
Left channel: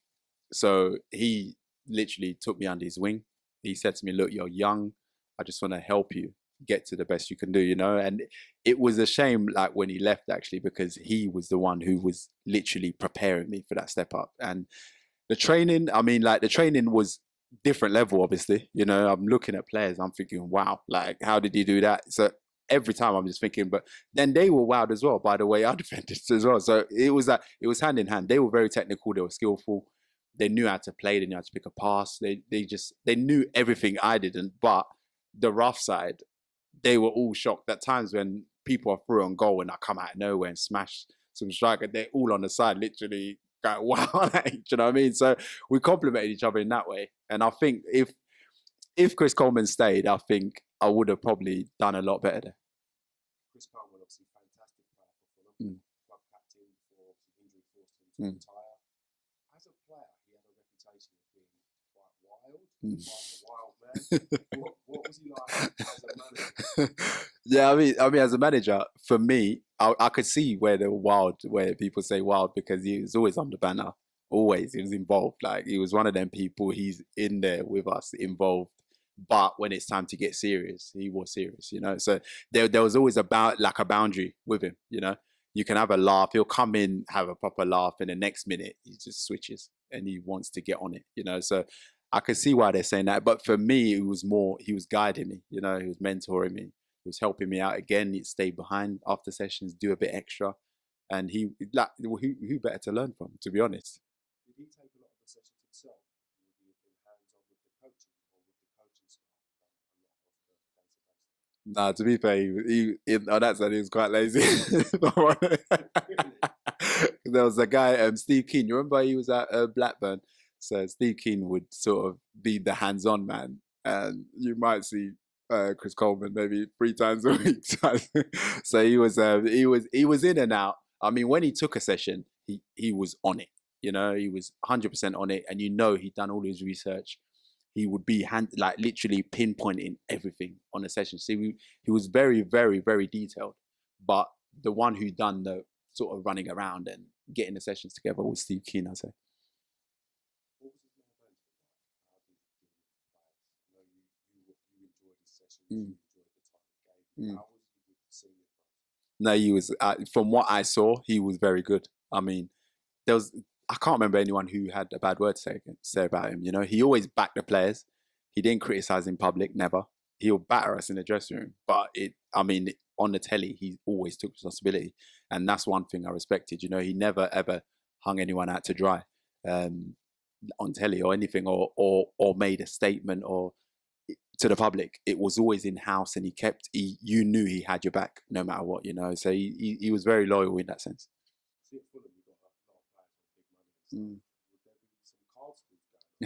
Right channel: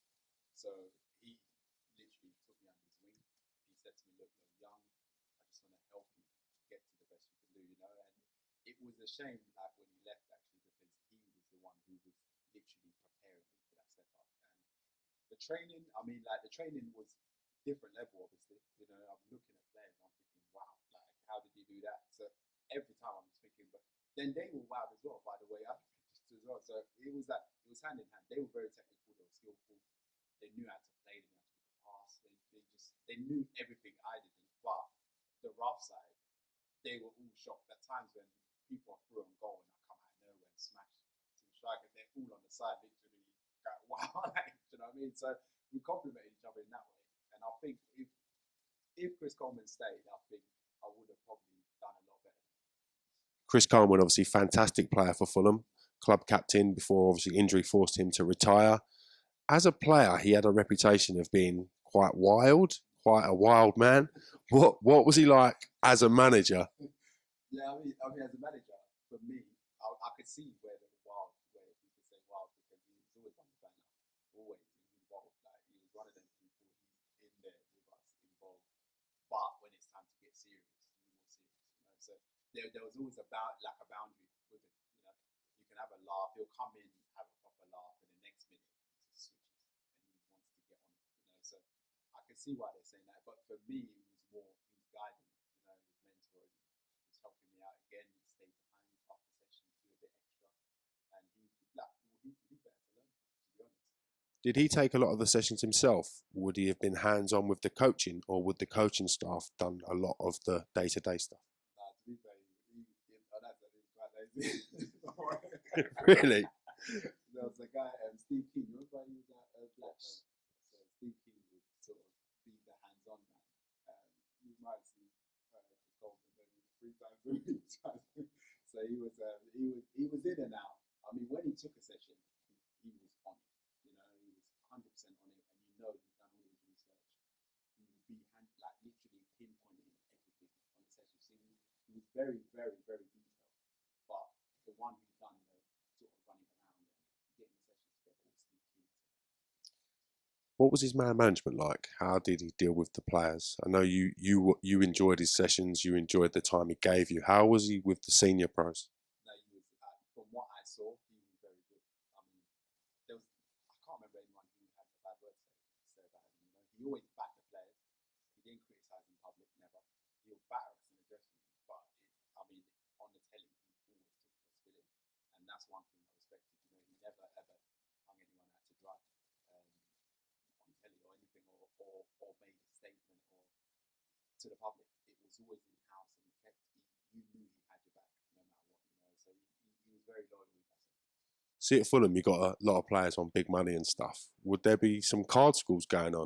So he literally took me under his wing. He said to me, look, you're young. I just want to help you get to the best you can do, you know? And it was a shame, like, when he left, actually, because he was the one who was literally preparing me for that step up. And the training, I mean, like, the training was different level, obviously. You know, I'm looking at players, I'm thinking, wow, like, how did he do that? So every time I'm just thinking, but then they were wild as well, by the way I defended as well. So it was like, it was hand in hand. They were very technical, they were skillful. They knew how to play, they knew how to pick a pass. They knew everything I didn't, but the rough side, they were all shocked at times when people are through on goal and I come out of nowhere and smash some striker. They're all on the side, literally going, wow, like, do you know what I mean? So we complimented each other in that way. And I think if Chris Coleman stayed, I think I would have probably done a lot better there. Chris Coleman, obviously fantastic player for Fulham, club captain before obviously injury forced him to retire. As a player, he had a reputation of being quite wild, quite a wild man. What was he like as a manager? Yeah, I mean, as a manager, for me, I could see where they were wild, where people say wild, because he was always on the banner. Always, he was involved. Like, he was one of them people. He's in there with us, involved. But when it's time to get serious, he was serious, you know. So there was always a boundary with him, you know. You can have a laugh. He'll come in, have a proper laugh, and the next minute he just switches and he wants to get on it, you know. So I could see why they're saying that. But for me, it was more, he was guiding me, you know, he was mentoring me. He was helping me out. Again, he'd stay behind after sessions, do a bit extra. And who better to learn from, to be honest? Did he take a lot of the sessions himself? Would he have been hands-on with the coaching, or would the coaching staff done a lot of the day-to-day stuff? Nah, to be fair, he on that side, he was quite lazy. Really? There was a guy, Steve Keane. You remember he was at Blackburn? So Steve Keane would sort of be the hands-on man. And you might see Chris Coleman maybe 3 times a week. So he was in and out. I mean, when he took a session, he was on it. You know, he was 100% on it, and you know he'd done all his research. He would be literally pinpointing everything on the session. See, he was very, very, very detailed. But the one who done the sort of running around and getting the sessions together was Steve Keane, I'd say. What was his man management like? How did he deal with the players? I know you enjoyed his sessions. You enjoyed the time he gave you. How was he with the senior pros? No, he was. From what I saw, he was very good. I mean, I can't remember anyone who had a bad word to say about him. You know, he always backed the players. He didn't criticize in public, never. He'll batter us in the dressing room. But on the telly, he always took responsibility. And that's one thing I respected. You know, he never, ever hung anyone out to dry on telly or anything, or made a statement or to the public. It was always in-house, and you knew he had your back no matter what, you know. So he was very loyal in that sense. See, at Fulham, you got a lot of players on big money and stuff. Would there be some card schools going on?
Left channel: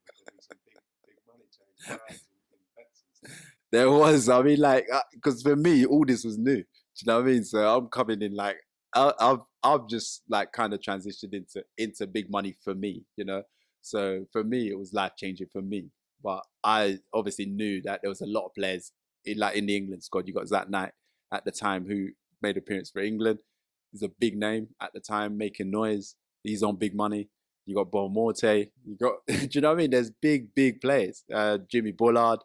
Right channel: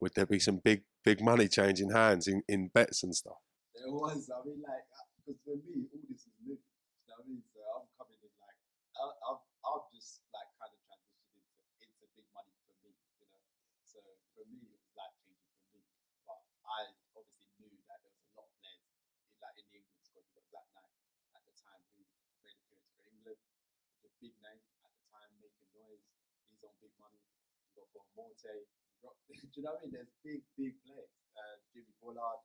Would there be some big money changing hands in bets and stuff? There was. I mean, like, because for me, all this was new. Do you know what I mean? So I'm coming in like, I've just like kind of transitioned into big money for me, you know. So for me, it was life changing for me. But I obviously knew that there was a lot of players in the England squad. You got Zach Knight at the time who made an appearance for England. He's a big name at the time, making noise. He's on big money. You got Bon Morte. You got, do you know what I mean? There's big players. Jimmy Bullard.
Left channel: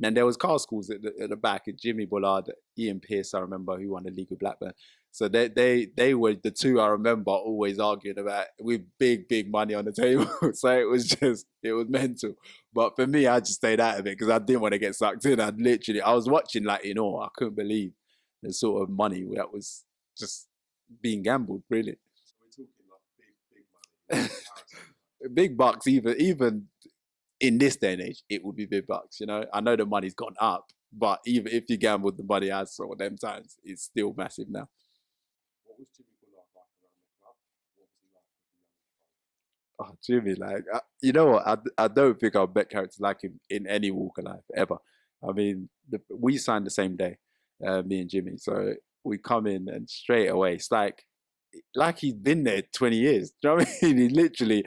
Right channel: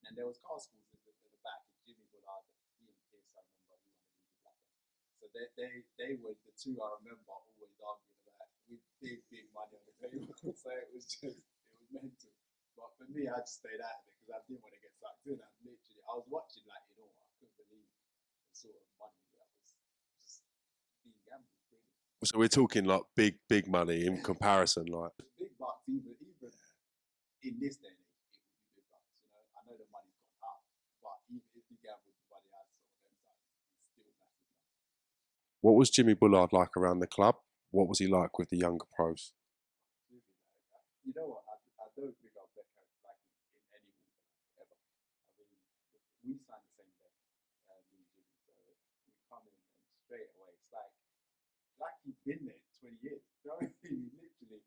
And there was car schools at the back. Jimmy Bullard, Ian Pearce, I remember, who won the league with Blackburn. So they were the two I remember always arguing about with big money on the table. So it was mental. But for me, I just stayed out of it because I didn't want to get sucked in. I was watching like in awe. I couldn't believe the sort of money that was just being gambled, really. So we're talking like big money in comparison. Like, Big bucks, even in this day and age, it would be big bucks. You know, I know the money's gone up, but even if you gambled the money I saw them times, it's still massive now. what was Jimmy Bullard like around the club? What was he like with the younger pros? Oh, Jimmy, like, you know what? I don't think I've met characters like him in any walk of life ever. I mean, we signed the same day, me and Jimmy. So we come in and straight away, it's like he's been there 20 years. Do you know what I mean? He literally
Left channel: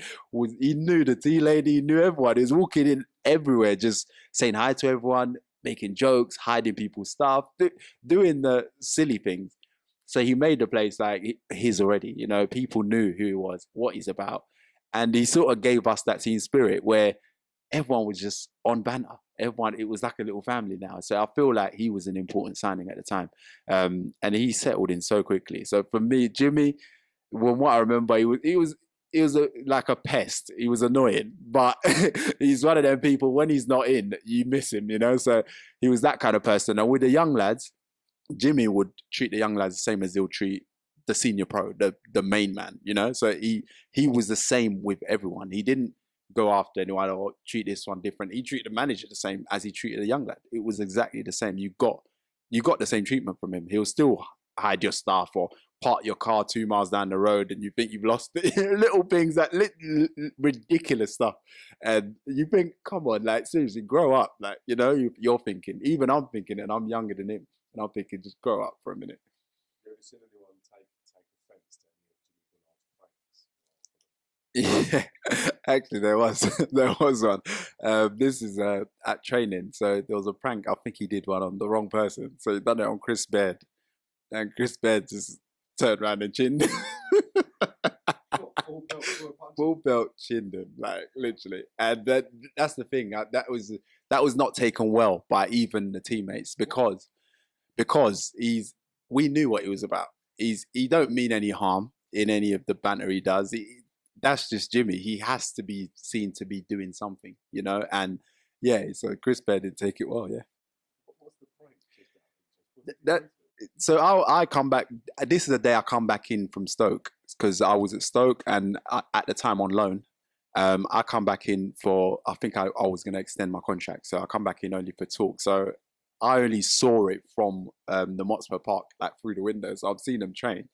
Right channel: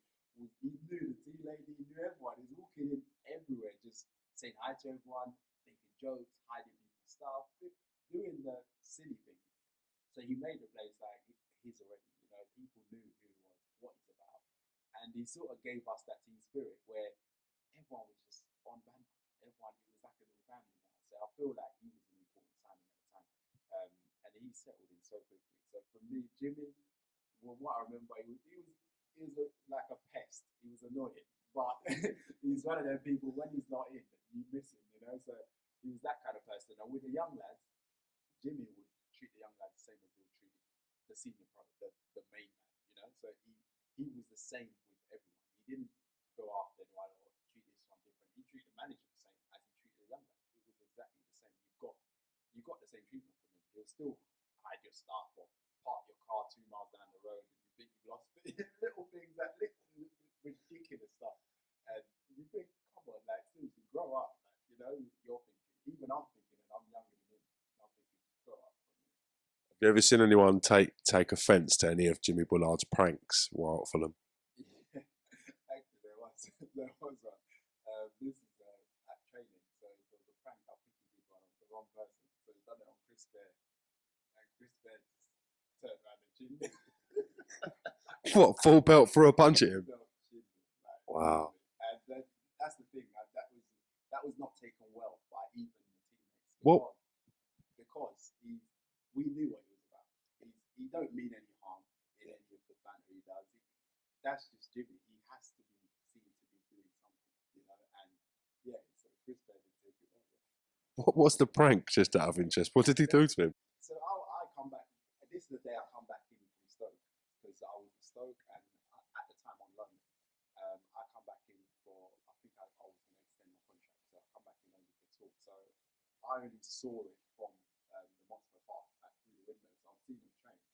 he knew the tea lady, he knew everyone. He was walking in everywhere, just saying hi to everyone, making jokes, hiding people's stuff, doing the silly things. So he made the place like his already. You know, people knew who he was, what he's about. And he sort of gave us that team spirit where everyone was just on banter. Everyone, it was like a little family now. So I feel like he was an important signing at the time. And he settled in so quickly. So for me, Jimmy, from what I remember, he was like a pest. He was annoying, but he's one of them people, when he's not in, you miss him, you know? So he was that kind of person. And with the young lads, Jimmy would treat the young lads the same as he'll treat the senior pro, the main man, you know? So he was the same with everyone. He didn't go after anyone or treat this one different. He treated the manager the same as he treated the young lad. It was exactly the same. You got the same treatment from him. He'll still hide your stuff or park your car 2 miles down the road and you think you've lost it. Little things, that ridiculous stuff. And you think, come on, like, seriously, grow up. Like, you know, you're thinking, even I'm thinking, and I'm younger than him, and I'm thinking, just grow up for a minute. Have you ever seen anyone take offence to any of Jimmy Bullard's pranks while at Fulham? Yeah, actually there was one. This is at training. So there was a prank. I think he did one on the wrong person. So he done it on Chris Baird, and Chris Baird just turned around and chinned. What, full belt for a punch? Full belt chinned him, like, wow. Literally. And that's the thing. That was not taken well by even the teammates because we knew what he was about. He don't mean any harm in any of the banter he does. That's just Jimmy. He has to be seen to be doing something, you know? And yeah, so Chris Baird didn't take it well, yeah. What's the prank, just out of interest? What did he do to him? So I come back, this is the day I come back in from Stoke, because I was at Stoke and at the time on loan. I come back in for, I think I was going to extend my contract. So I come back in only for talk. So I only saw it from the Motspur Park, like through the windows. So I've seen him train.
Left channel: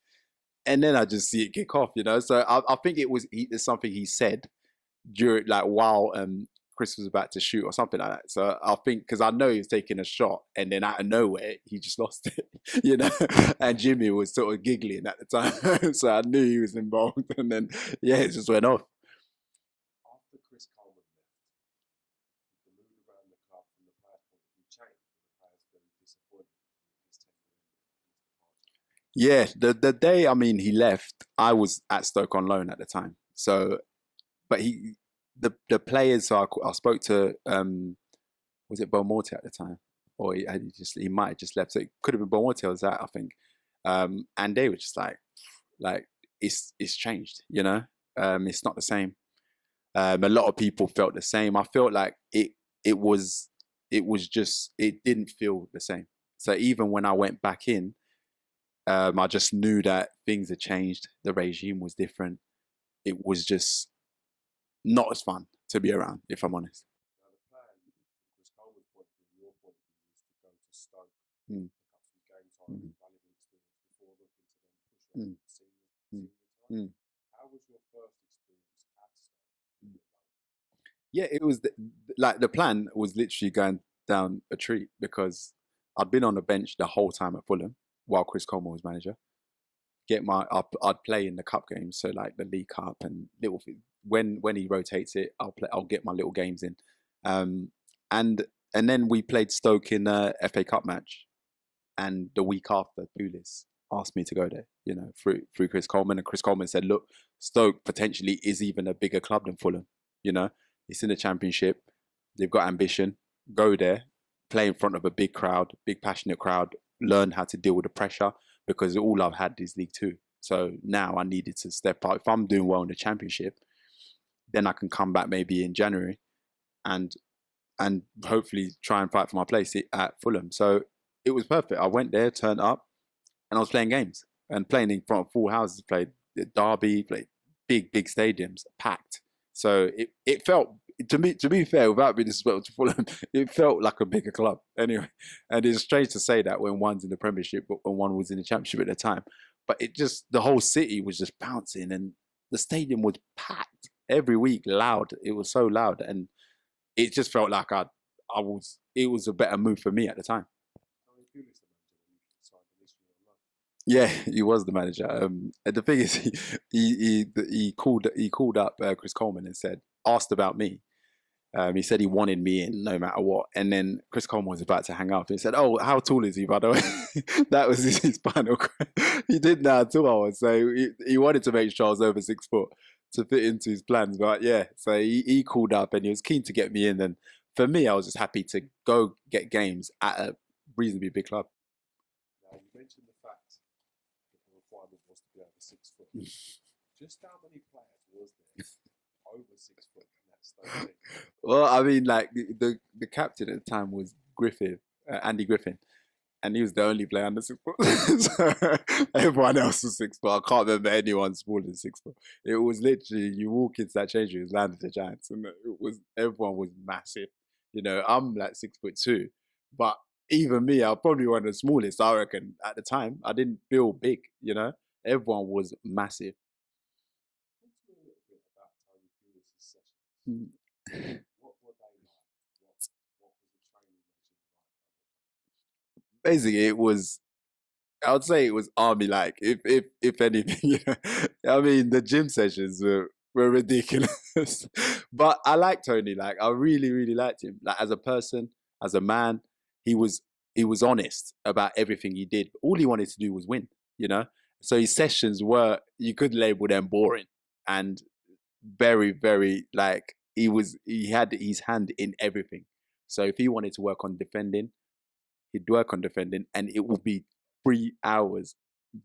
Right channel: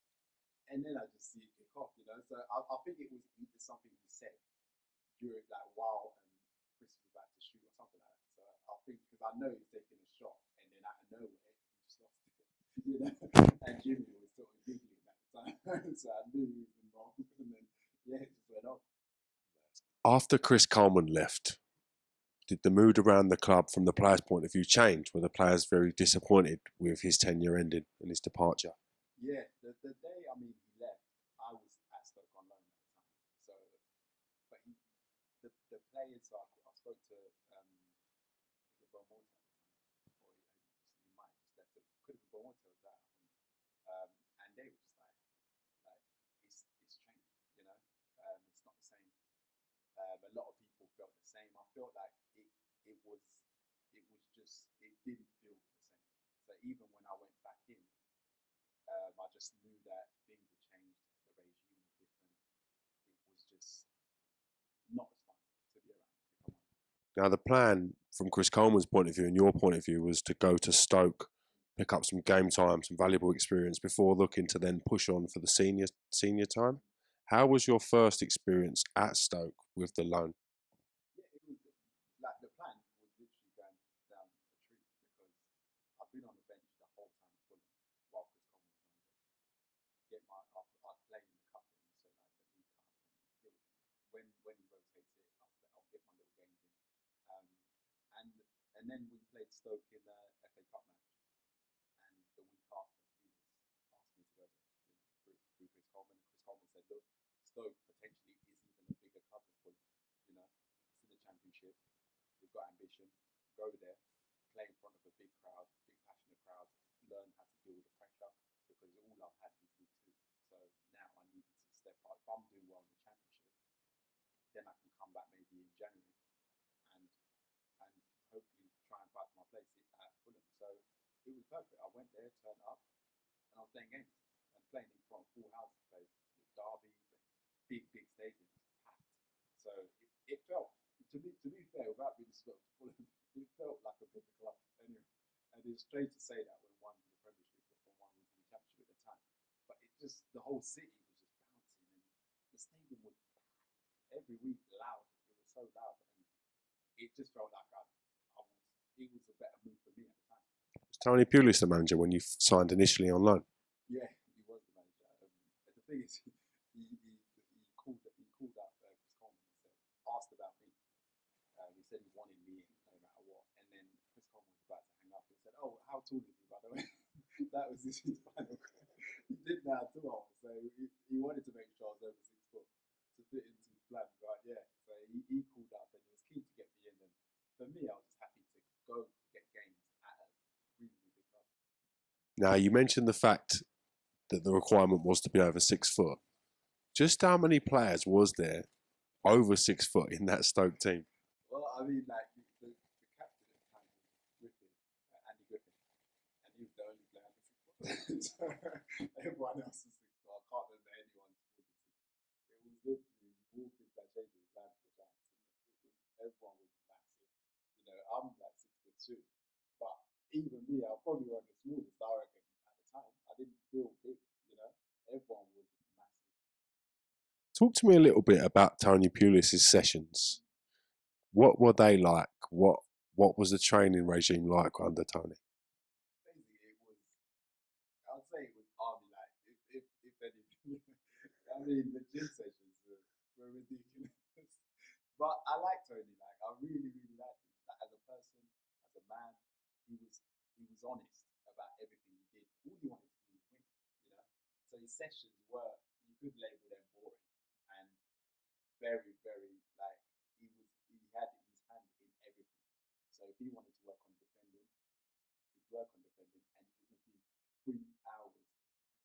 And then I just see it kick off, you know. So I think it's something he said during, like, while Chris was about to shoot or something like that. So I think, because I know he was taking a shot, and then out of nowhere he just lost it, you know. And Jimmy was sort of giggling at the time, so I knew he was involved. And then yeah, it just went off. After Chris Coleman left, did the mood around the club from the players' point of view change? Were the players very disappointed with his tenure ending and his departure? Yeah, the day, I mean, he left, I was at Stoke on loan at the time. So, but the players, so I spoke to, was it Beaumortier at the time? Or he might have just left. So it could have been Beaumortier was that, I think. And they were just like it's changed, you know? It's not the same. A lot of people felt the same. I felt like it didn't feel the same. So even when I went back in, I just knew that things had changed. The regime was different. It was just not as fun to be around, if I'm honest. Now, the plan from Chris Coleman's point of view and your point of view was to go to Stoke, pick up some game time, some valuable experience before looking to then push on for the senior time. How was your first experience at Stoke with the loan? Yeah, it was the plan was literally going down a treat, because I'd been on the bench the whole time at Fulham while Chris Coleman was manager. I'd play in the cup games, so like the League Cup and little. When he rotates it, I'll get my little games in, and then we played Stoke in a FA Cup match, and the week after, Pulis asked me to go there, you know, through Chris Coleman, and Chris Coleman said, look, Stoke potentially is even a bigger club than Fulham, you know, it's in the Championship, they've got ambition, go there, play in front of a big crowd, big passionate crowd, learn how to deal with the pressure, because all I've had is League Two. So now I needed to step up. If I'm doing well in the Championship, then I can come back maybe in January and hopefully try and fight for my place at Fulham. So it was perfect. I went there, turned up, and I was playing games and playing in front of full houses. Played Derby, like big stadiums, packed. So it felt, to be fair, without being disrespectful to Fulham, it felt like a bigger club anyway. And it's strange to say that when one's in the Premiership, but when one was in the Championship at the time. But it just, the whole city was just bouncing, and the stadium was packed every week, loud. It was so loud, and it just felt like it was a better move for me at the time. Was Tony Pulis the manager when you signed initially on loan? Yeah, he was the manager. And the thing is, he called up Chris Coleman and asked about me. He said he wanted me in no matter what. And then Chris Coleman was about to hang up. He said, "Oh, how tall is he, by the way?" That was his final question. He didn't know how tall I was. So he wanted to make sure I was over 6 foot to fit into his plans. But yeah, so he called up and he was keen to get me in. And for me, I was just happy to go get games at a reasonably big club. Now, you mentioned the fact that the requirement was to be over 6 foot. Just how many players was there over 6 foot in that Stoke team? Well, I mean, like the captain at the time was Andy Griffin, and he was the only player under 6 foot. So everyone else was 6 foot. I can't remember anyone smaller than 6 foot. It was literally, you walk into that change room, it was Land of the Giants, and everyone was massive. You know, I'm like 6'2", but even me, I probably one of the smallest, I reckon, at the time. I didn't feel big, you know? Everyone was massive. Talk to me a little bit about Tony Pulis' sessions. What were they like? What was the training regime like under Tony? Basically, I would say it was army-like, if anything. You know? I mean, the gym sessions were ridiculous. But I liked Tony. Like, I really, really liked him. Like, as a person, as a man, he was honest about everything he did. All he wanted to do was win, you know? So his sessions were, you could label them boring and very, very, like, he had his hand in everything. So if he wanted to work on defending, he'd work on defending, and it would be 3 hours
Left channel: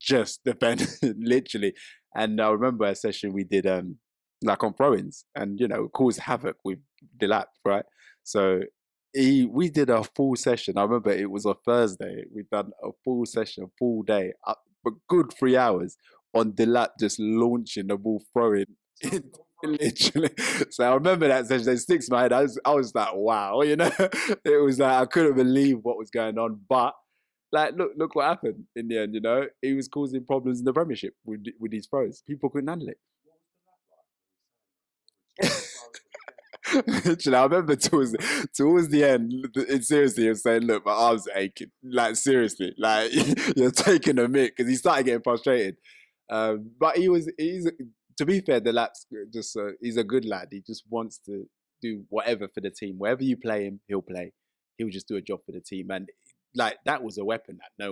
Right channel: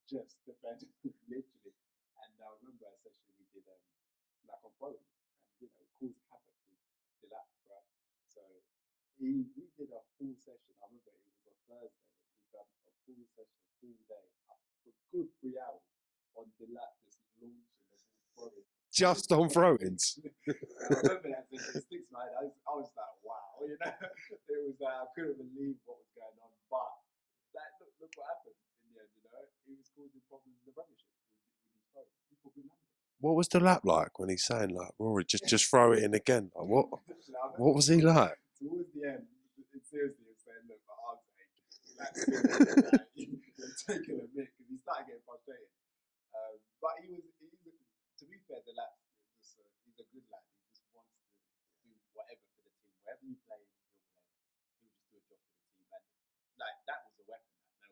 just defending, literally. And I remember a session we did, like on throw-ins, and, you know, caused havoc with Delap, right? So we did a full session. I remember it was a Thursday. We'd done a full session, full day, for good 3 hours on Delap just launching the ball, throwing. Just on throw. Literally. So I remember that session. It sticks in my head. I was like, wow, you know? It was like, I couldn't believe what was going on. But like, look what happened in the end, you know? He was causing problems in the Premiership with these throws. People couldn't handle it. What was Delap like when he's saying, like, Rory, just throw it in again? Like, Literally, I remember towards the end, seriously, he was saying, look, my arms are aching. Like, seriously, like, you're taking a mick, because he started getting frustrated. But to be fair, Delap's just, he's a good lad. He just wants to do whatever for the team. Wherever you play him, he'll play. He'll just do a job for the team. And like, that was a weapon that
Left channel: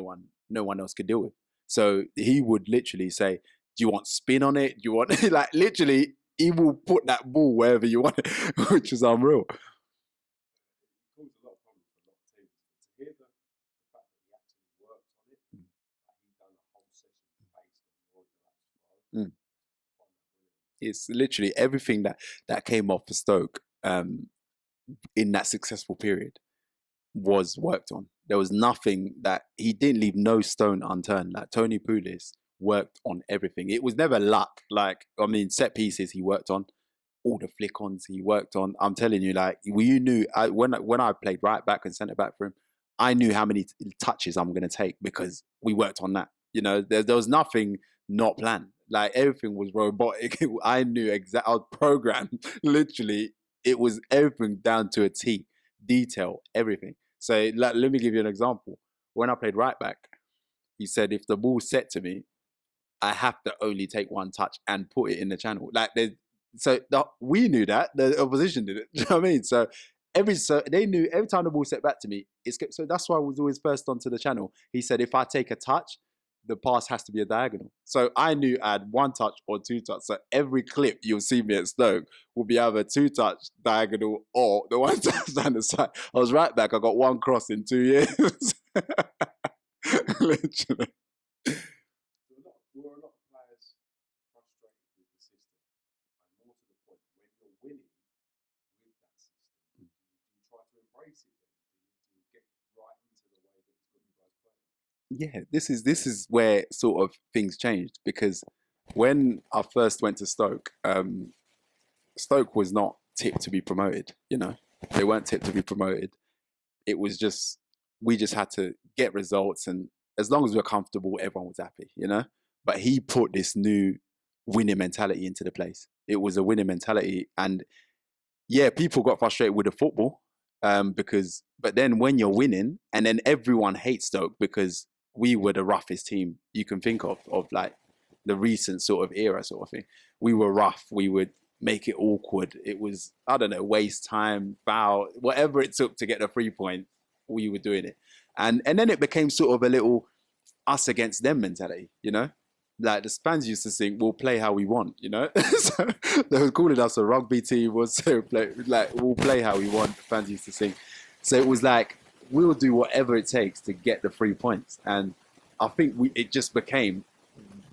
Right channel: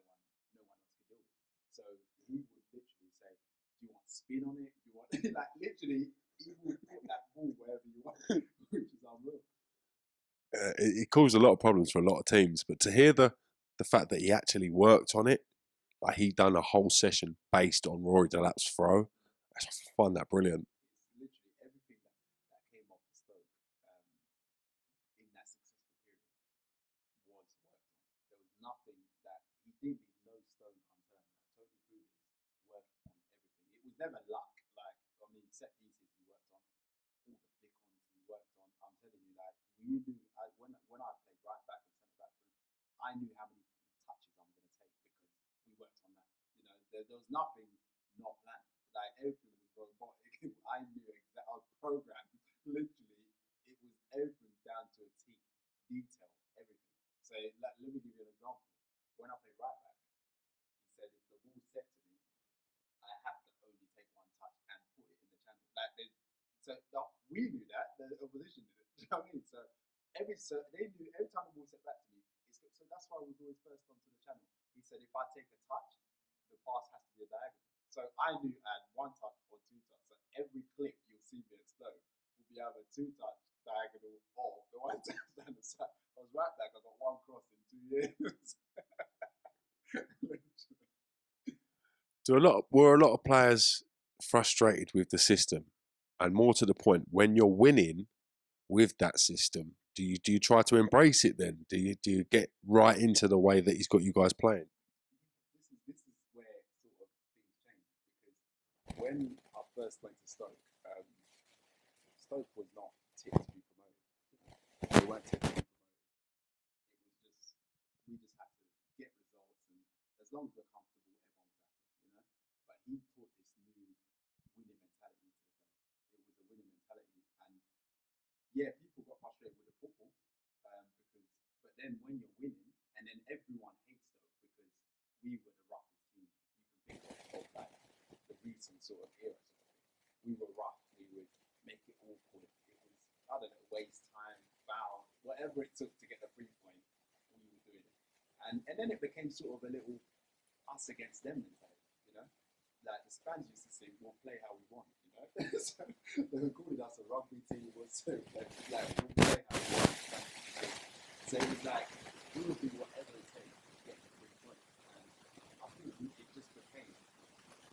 no one else could deal with. So he would literally say, do you want spin on it? Do you want, like, literally, he will put that ball wherever you want it, which is unreal. It caused a lot of problems for a lot of teams, but to hear the fact that he actually worked on it, like he done a whole session based on Rory Delap's throw, I find that brilliant. It's literally everything that came off for Stoke in that successful period was worked on. There was nothing that he didn't leave no stone unturned. Like Tony Pulis worked on everything. It was never luck. Like, I mean, set pieces he worked on, all the flick-ons he worked on. I'm telling you, like, you knew when I played right back and centre back for him, I knew how many touches I'm going to take because we worked on that. You know, there was nothing not planned. Like, everything was robotic. I knew exactly. I was programmed. Literally, it was everything down to a T, detail, everything. So let me give you an example. When I played right back, he said if the ball's set to me, I have to only take one touch and put it in the channel. Like, we knew that. The opposition did it. Do you know what I mean? So they knew every time the ball set back to me, so that's why I was always first onto the channel. He said if I take a touch, the pass has to be a diagonal. So I knew I had one touch or two touch. So every clip you'll see me at Stoke will be either 2-touch diagonal or the one touch down the side. I was right back. I got one cross in 2 years. Literally. Were a lot of players frustrated with the system? And more to the point, when you're winning with that system, do you try to embrace it then? Do you get right into the way that he's got you guys playing? Yeah, this is where sort of things changed, because When I first went to Stoke, Stoke was not tipped to be promoted. You know, they weren't tipped to be promoted. It was just we just had to get results, and as long as we were comfortable, everyone was happy. You know, but he put this new winning mentality into the place. It was a winning mentality, and yeah, people got frustrated with the football but then when you're winning, and then everyone hates Stoke because we were the roughest team you can think of like the recent sort of era sort of thing. We were rough. We would make it awkward. It was, I don't know, waste time, foul, whatever it took to get the 3 point, we were doing it. And then it became sort of a little us against them mentality, you know? Like the fans used to sing, "We'll play how we want," you know. So they were calling us a rugby team. We'll play how we want. Fans used to sing. So it was like we'll do whatever it takes to get the 3 points. And I think it just became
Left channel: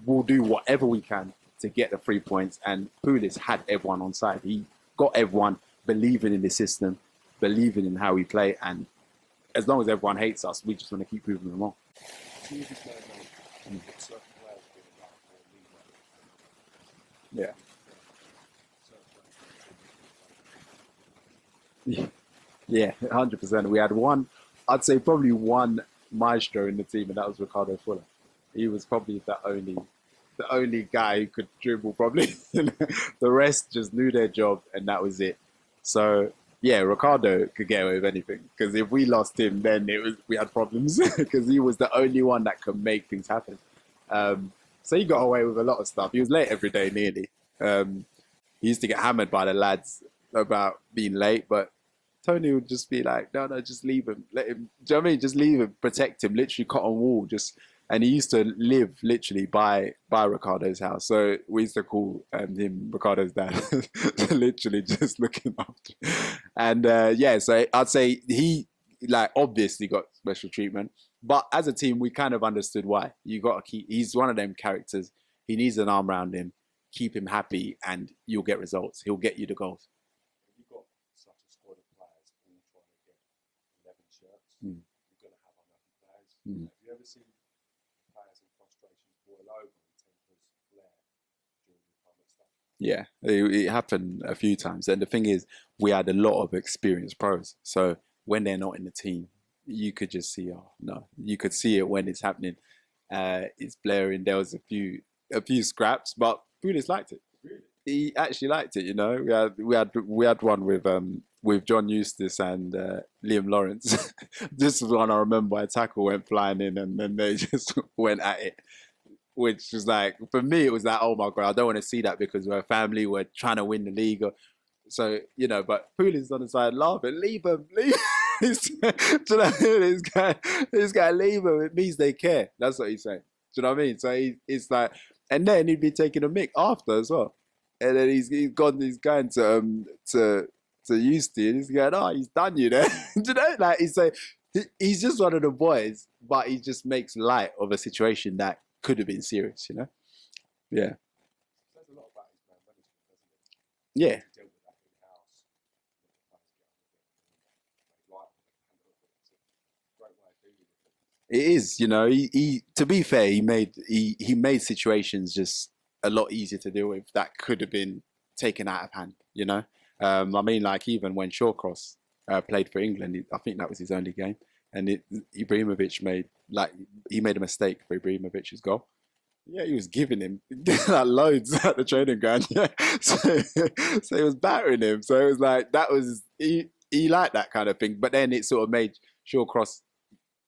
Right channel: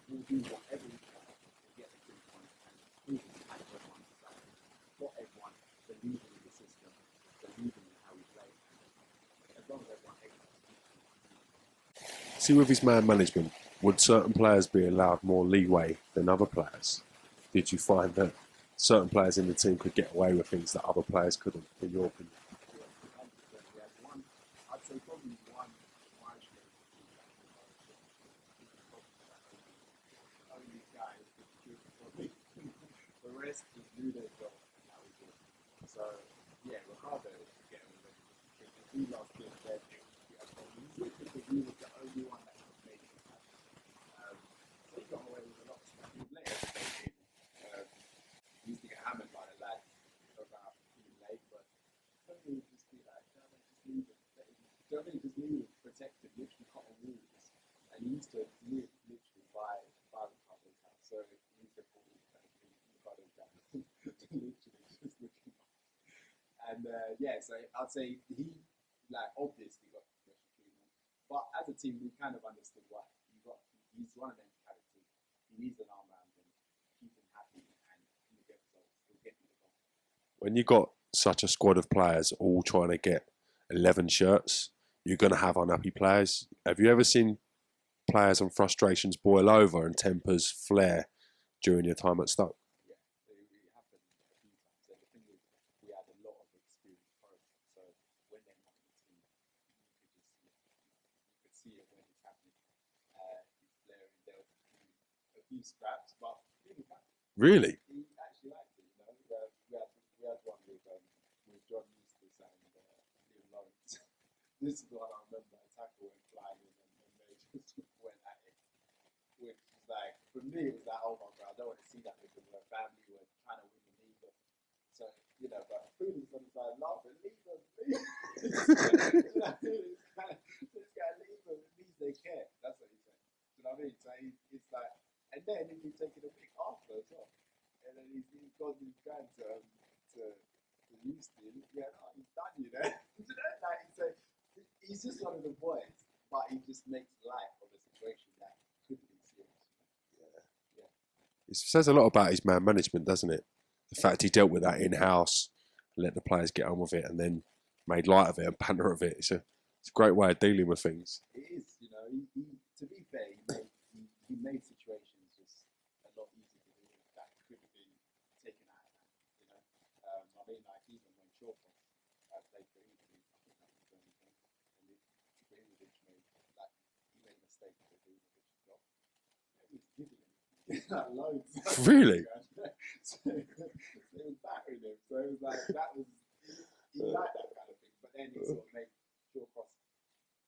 we'll do whatever we can to get the 3 points. And Pulis had everyone on side. He got everyone believing in the system, believing in how we play. And as long as everyone hates us, we just want to keep proving them wrong. See, with his man management, would certain players be allowed more leeway than other players? Yeah. Did you find that certain players in the team could get away with things that other players couldn't? Yeah, 100%. We had one, I'd say probably one maestro in the team, and that was Ricardo Fuller. He was probably the only guy who could dribble probably. The rest just knew their job, and that was it. So yeah, Ricardo could get away with anything, because if we lost him, then we had problems, because he was the only one that could make things happen. So he got away with a lot of stuff. He was late every day nearly. He used to get hammered by the lads about being late, but Tony would just be like, no, just leave him. Let him, do you know what I mean? Just leave him, protect him, literally cotton wool. And he used to live literally by Ricardo's house. So we used to call him Ricardo's dad, literally just looking after. And yeah, so I'd say he obviously got special treatment. But as a team, we kind of understood why. You got to keep, he's one of them characters. He needs an arm around him, keep him happy, and you'll get results. He'll get you the goals. When you got such a squad of players all trying to get 11 shirts, you're going to have unhappy players. Have you ever seen players and frustrations boil over and tempers flare during your time at Stoke? Yeah, it happened a few times. And the thing is, we had a lot of experienced pros. So when they're not in the team, you could just see, you could see it when it's happening. It's blaring. There was a few scraps, but Pulis liked it. Really? He actually liked it. You know, we had one with John Eustace and Liam Lawrence. This was one I remember. A tackle went flying in, and then they just went at it, which was like, for me, it was like, oh my god, I don't want to see that, because we're a family, we're trying to win the league. So you know, but Pulis on the side laughing, leave him. This guy, leave him. It means they care. That's what he's saying. Do you know what I mean? So it's like. And then he'd be taking a mick after as well. And then he's going to Eustace, and he's going, oh, he's done you there. Do you know? Like he's just one of the boys, but he just makes light of a situation that could have been serious, you know? Yeah. It says a lot about his man management, doesn't it? The fact he dealt with that in-house, let the players get on with it, and then made light of it and banter of it. It's a great way of dealing with things. It is, you know. He to be fair, he made situations just a lot easier to deal with that could have been taken out of hand. You know, I mean, like even when Shawcross played for England, I think that was his only game, and Ibrahimovic made a mistake for Ibrahimovic's goal. Yeah, he was giving him like loads at the training ground. Yeah, so he was battering him. So it was like he liked that kind of thing. But then it sort of made Shawcross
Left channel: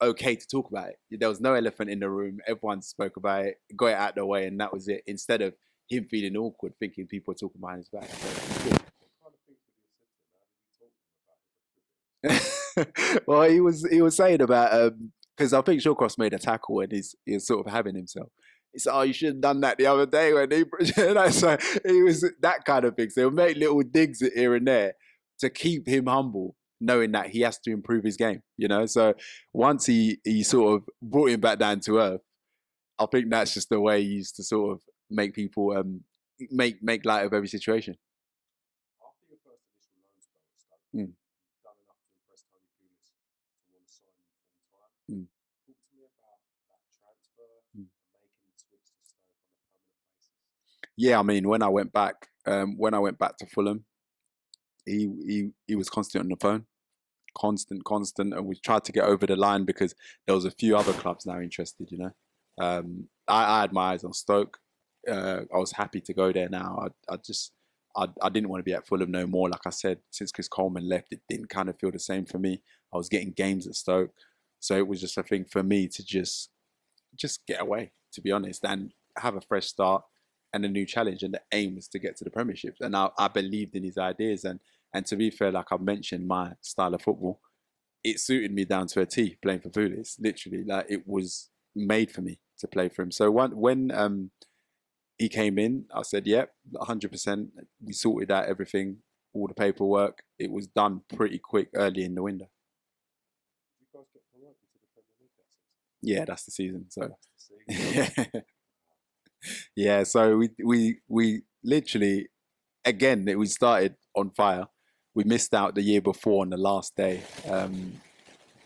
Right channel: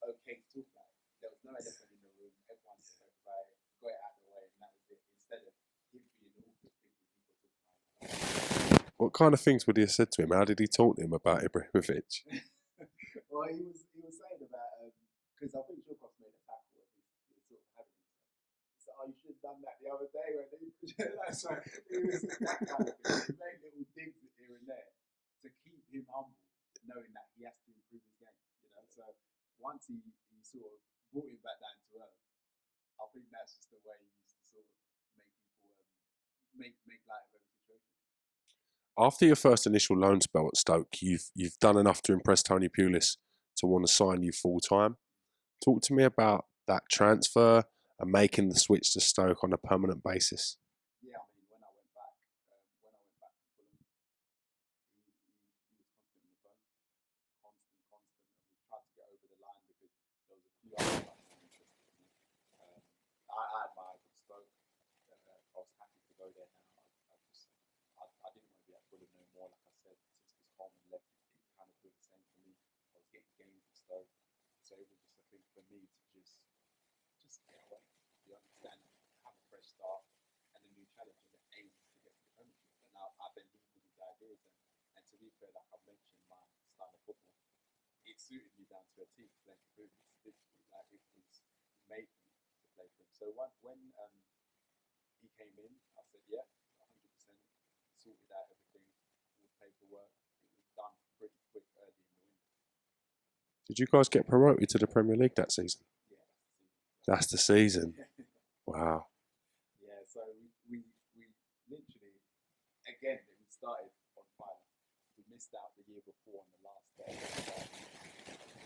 okay to talk about it. There was no elephant in the room. Everyone spoke about it, got it out of the way, and that was it. Instead of him feeling awkward, thinking people were talking behind his back. What kind of things would he have said to him? How did he talk to him about Ibrahimovic? Well, he was saying about because I think Shawcross made a tackle and he's sort of having himself. He said, "Oh, you should have done that the other day when he." So he was that kind of thing. So he'll make little digs here and there to keep him humble, knowing that he has to improve his game, you know? So once he sort of brought him back down to earth, I think that's just the way he used to sort of make people make light of every situation. After your first initial loan spell at Stoke, you've done enough to impress Tony Pulis to want to sign you full time. Talk to me about that transfer and making the switch to Stoke on a permanent basis? Yeah, I mean, when I went back to Fulham, he was constant on the phone, constant, and we tried to get over the line because there was a few other clubs now interested. I had my eyes on Stoke. I was happy to go there now. I didn't want to be at Fulham no more. Like I said, since Chris Coleman left, it didn't kind of feel the same for me. I was getting games at Stoke, so it was just a thing for me to just get away, to be honest, and have a fresh start and a new challenge. And the aim was to get to the Premiership. And I believed in his ideas. And to be fair, like I mentioned, my style of football, it suited me down to a T playing for Pulis. Literally, like it was made for me to play for him. So when he came in, I said, yep, 100%. We sorted out everything, all the paperwork. It was done pretty quick early in the window. Did you guys get promoted to the Premier League that season? Yeah, that's the season. So that's the season. Wow. Yeah, so we literally, again, we started on fire. We missed out the year before on the last day.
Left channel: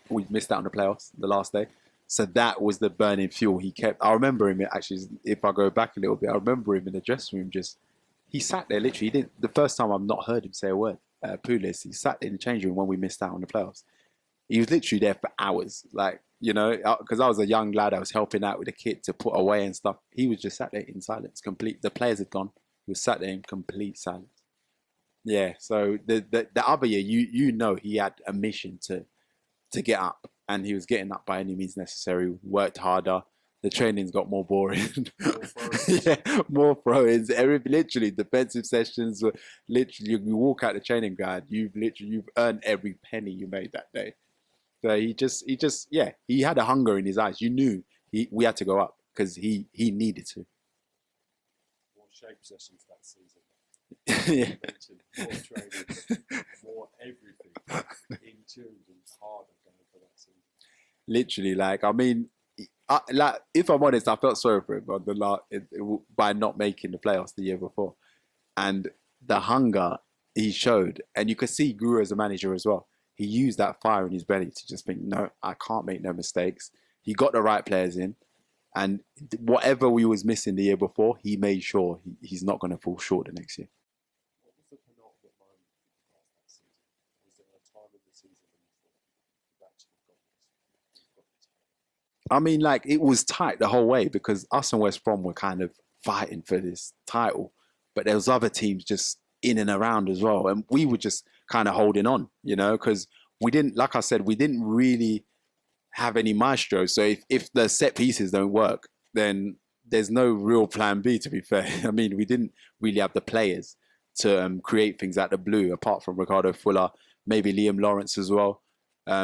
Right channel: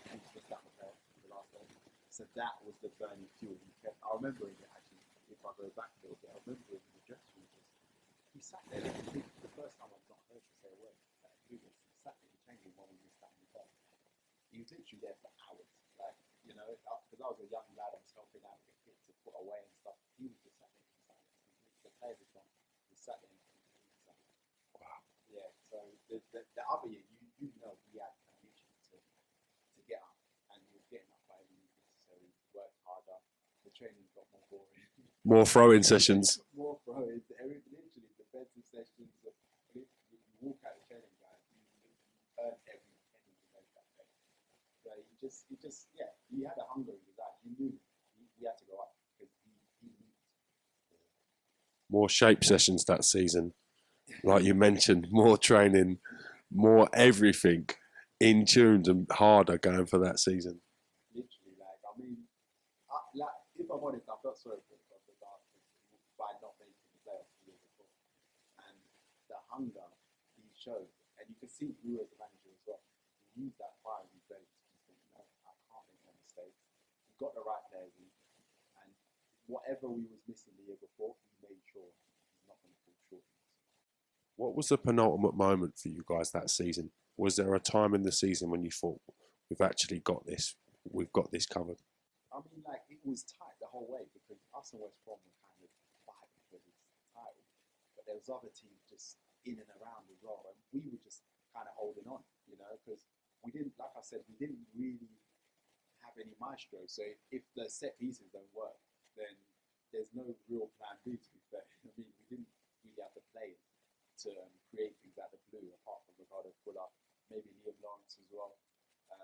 We missed out on the playoffs the last day. So that was the burning fuel. I remember him, actually, if I go back a little bit, I remember him in the dressing room he sat there literally. The first time I've not heard him say a word, Pulis, he sat in the changing room when we missed out on the playoffs. He was literally there for hours, because I was a young lad. I was helping out with the kit to put away and stuff. He was just sat there in silence, complete. The players had gone. He was sat there in complete silence. Wow. Yeah. So the other year, he had a mission to get up, and he was getting up by any means necessary. Worked harder. The trainings got more boring. More throw-in sessions. More throw-ins. Literally, defensive sessions were literally. You walk out the training ground, you've earned every penny you made that day. So he had a hunger in his eyes. You knew we had to go up because he needed to. More shape sessions that season. Like you mentioned, more training, more everything in tunes and harder going for that season. Literally, if I'm honest, I felt sorry for him on by not making the playoffs the year before. And the hunger he showed, and you could see he grew as a manager as well. He used that fire in his belly to just think, no, I can't make no mistakes. He got the right players in. And whatever we was missing the year before, he made sure he's not going to fall short the next year. What was the penultimate moment for you guys that season? Was there a time in the season when you thought, we've actually got this, we've got this covered? I mean, it was tight the whole way because us and West Brom were kind of fighting for this title. But there was other teams just in and around as well. And we were just kind of holding on, because we didn't, like I said, we didn't really have any maestro. So if the set pieces don't work, then there's no real plan B, to be fair. I mean, we didn't really have the players to create things out of the blue, apart from Ricardo Fuller, maybe Liam Lawrence as well.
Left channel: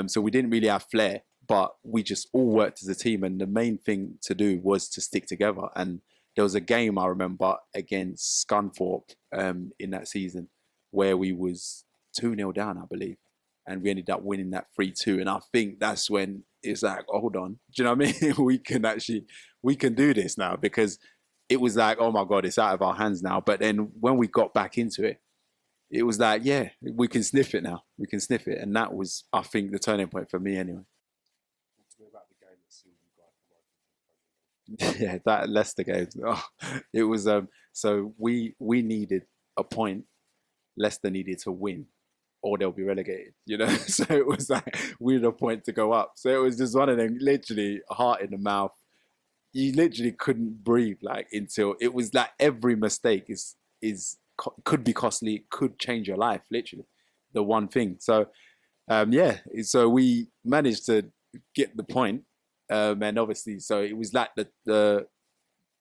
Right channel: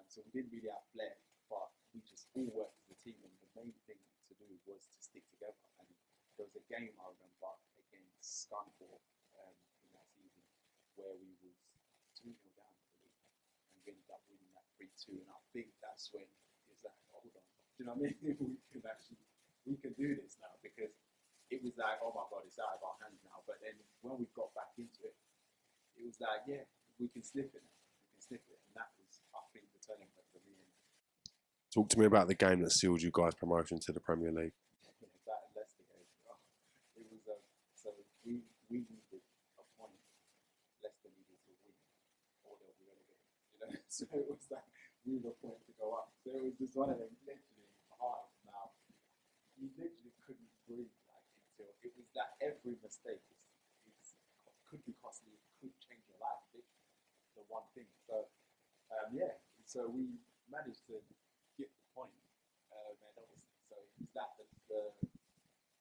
So we didn't really have flair, but we just all worked as a team. And the main thing to do was to stick together. And there was a game I remember against Scunthorpe in that season where we was 2-0 down, I believe. And we ended up winning that 3-2. And I think that's when it's like, hold on. Do you know what I mean? we can do this now, because it was like, oh my God, it's out of our hands now. But then when we got back into it, it was like, yeah, we can sniff it now. We can sniff it. And that was, I think, the turning point for me anyway. Talk to me about the game that sealed you guys' promotion to the Premier League. Yeah, that Leicester game. Oh, it was, so we needed a point. Leicester needed to win, or they'll be relegated, So it was like, we had a point to go up. So it was just one of them, literally heart in the mouth. You literally couldn't breathe, until it was like every mistake could be costly, could change your life, literally. The one thing. So, so we managed to get the point. And obviously, so it was like the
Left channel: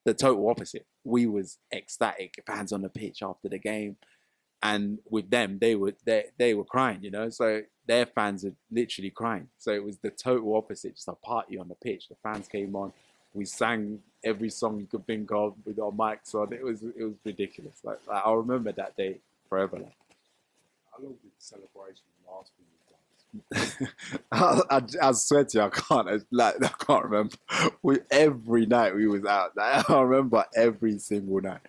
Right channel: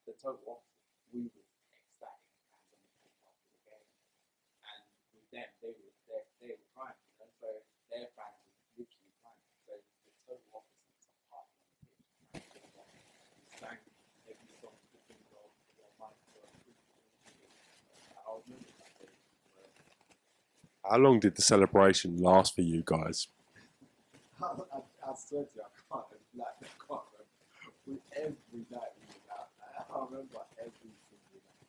total opposite. We was ecstatic, fans on the pitch after the game. And with them, they were crying, So their fans are literally crying. So it was the total opposite, just a party on the pitch. The fans came on. We sang every song you could think of with our mics on. It was ridiculous. I remember that day forever. How long did the celebration last for you guys? I swear to you, I can't remember. Every night we was out. I remember every single night.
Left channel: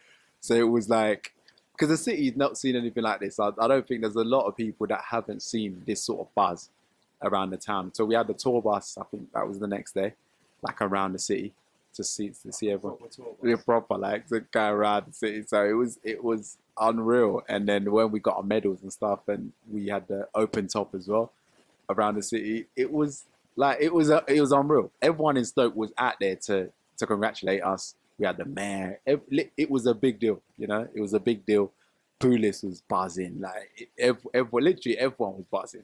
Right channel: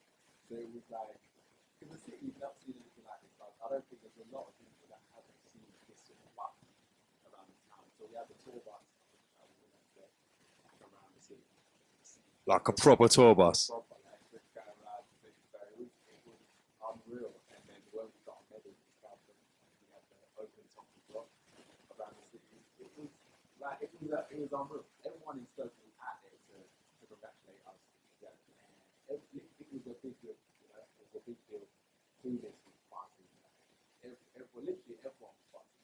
So it was like, because the city's not seen anything like this. I don't think there's a lot of people that haven't seen this sort of buzz around the town. So we had the tour bus. I think that was the next day. like around the city to see Like a everyone. proper tour Be bus. proper, like to go around the city. So it was unreal. And then when we got our medals and stuff, and we had the open top as well around the city, it was like it was unreal. Everyone in Stoke was out there to congratulate us. We had the mayor. It was a big deal, you know. It was a big deal. Pulis was buzzing, like literally everyone was buzzing.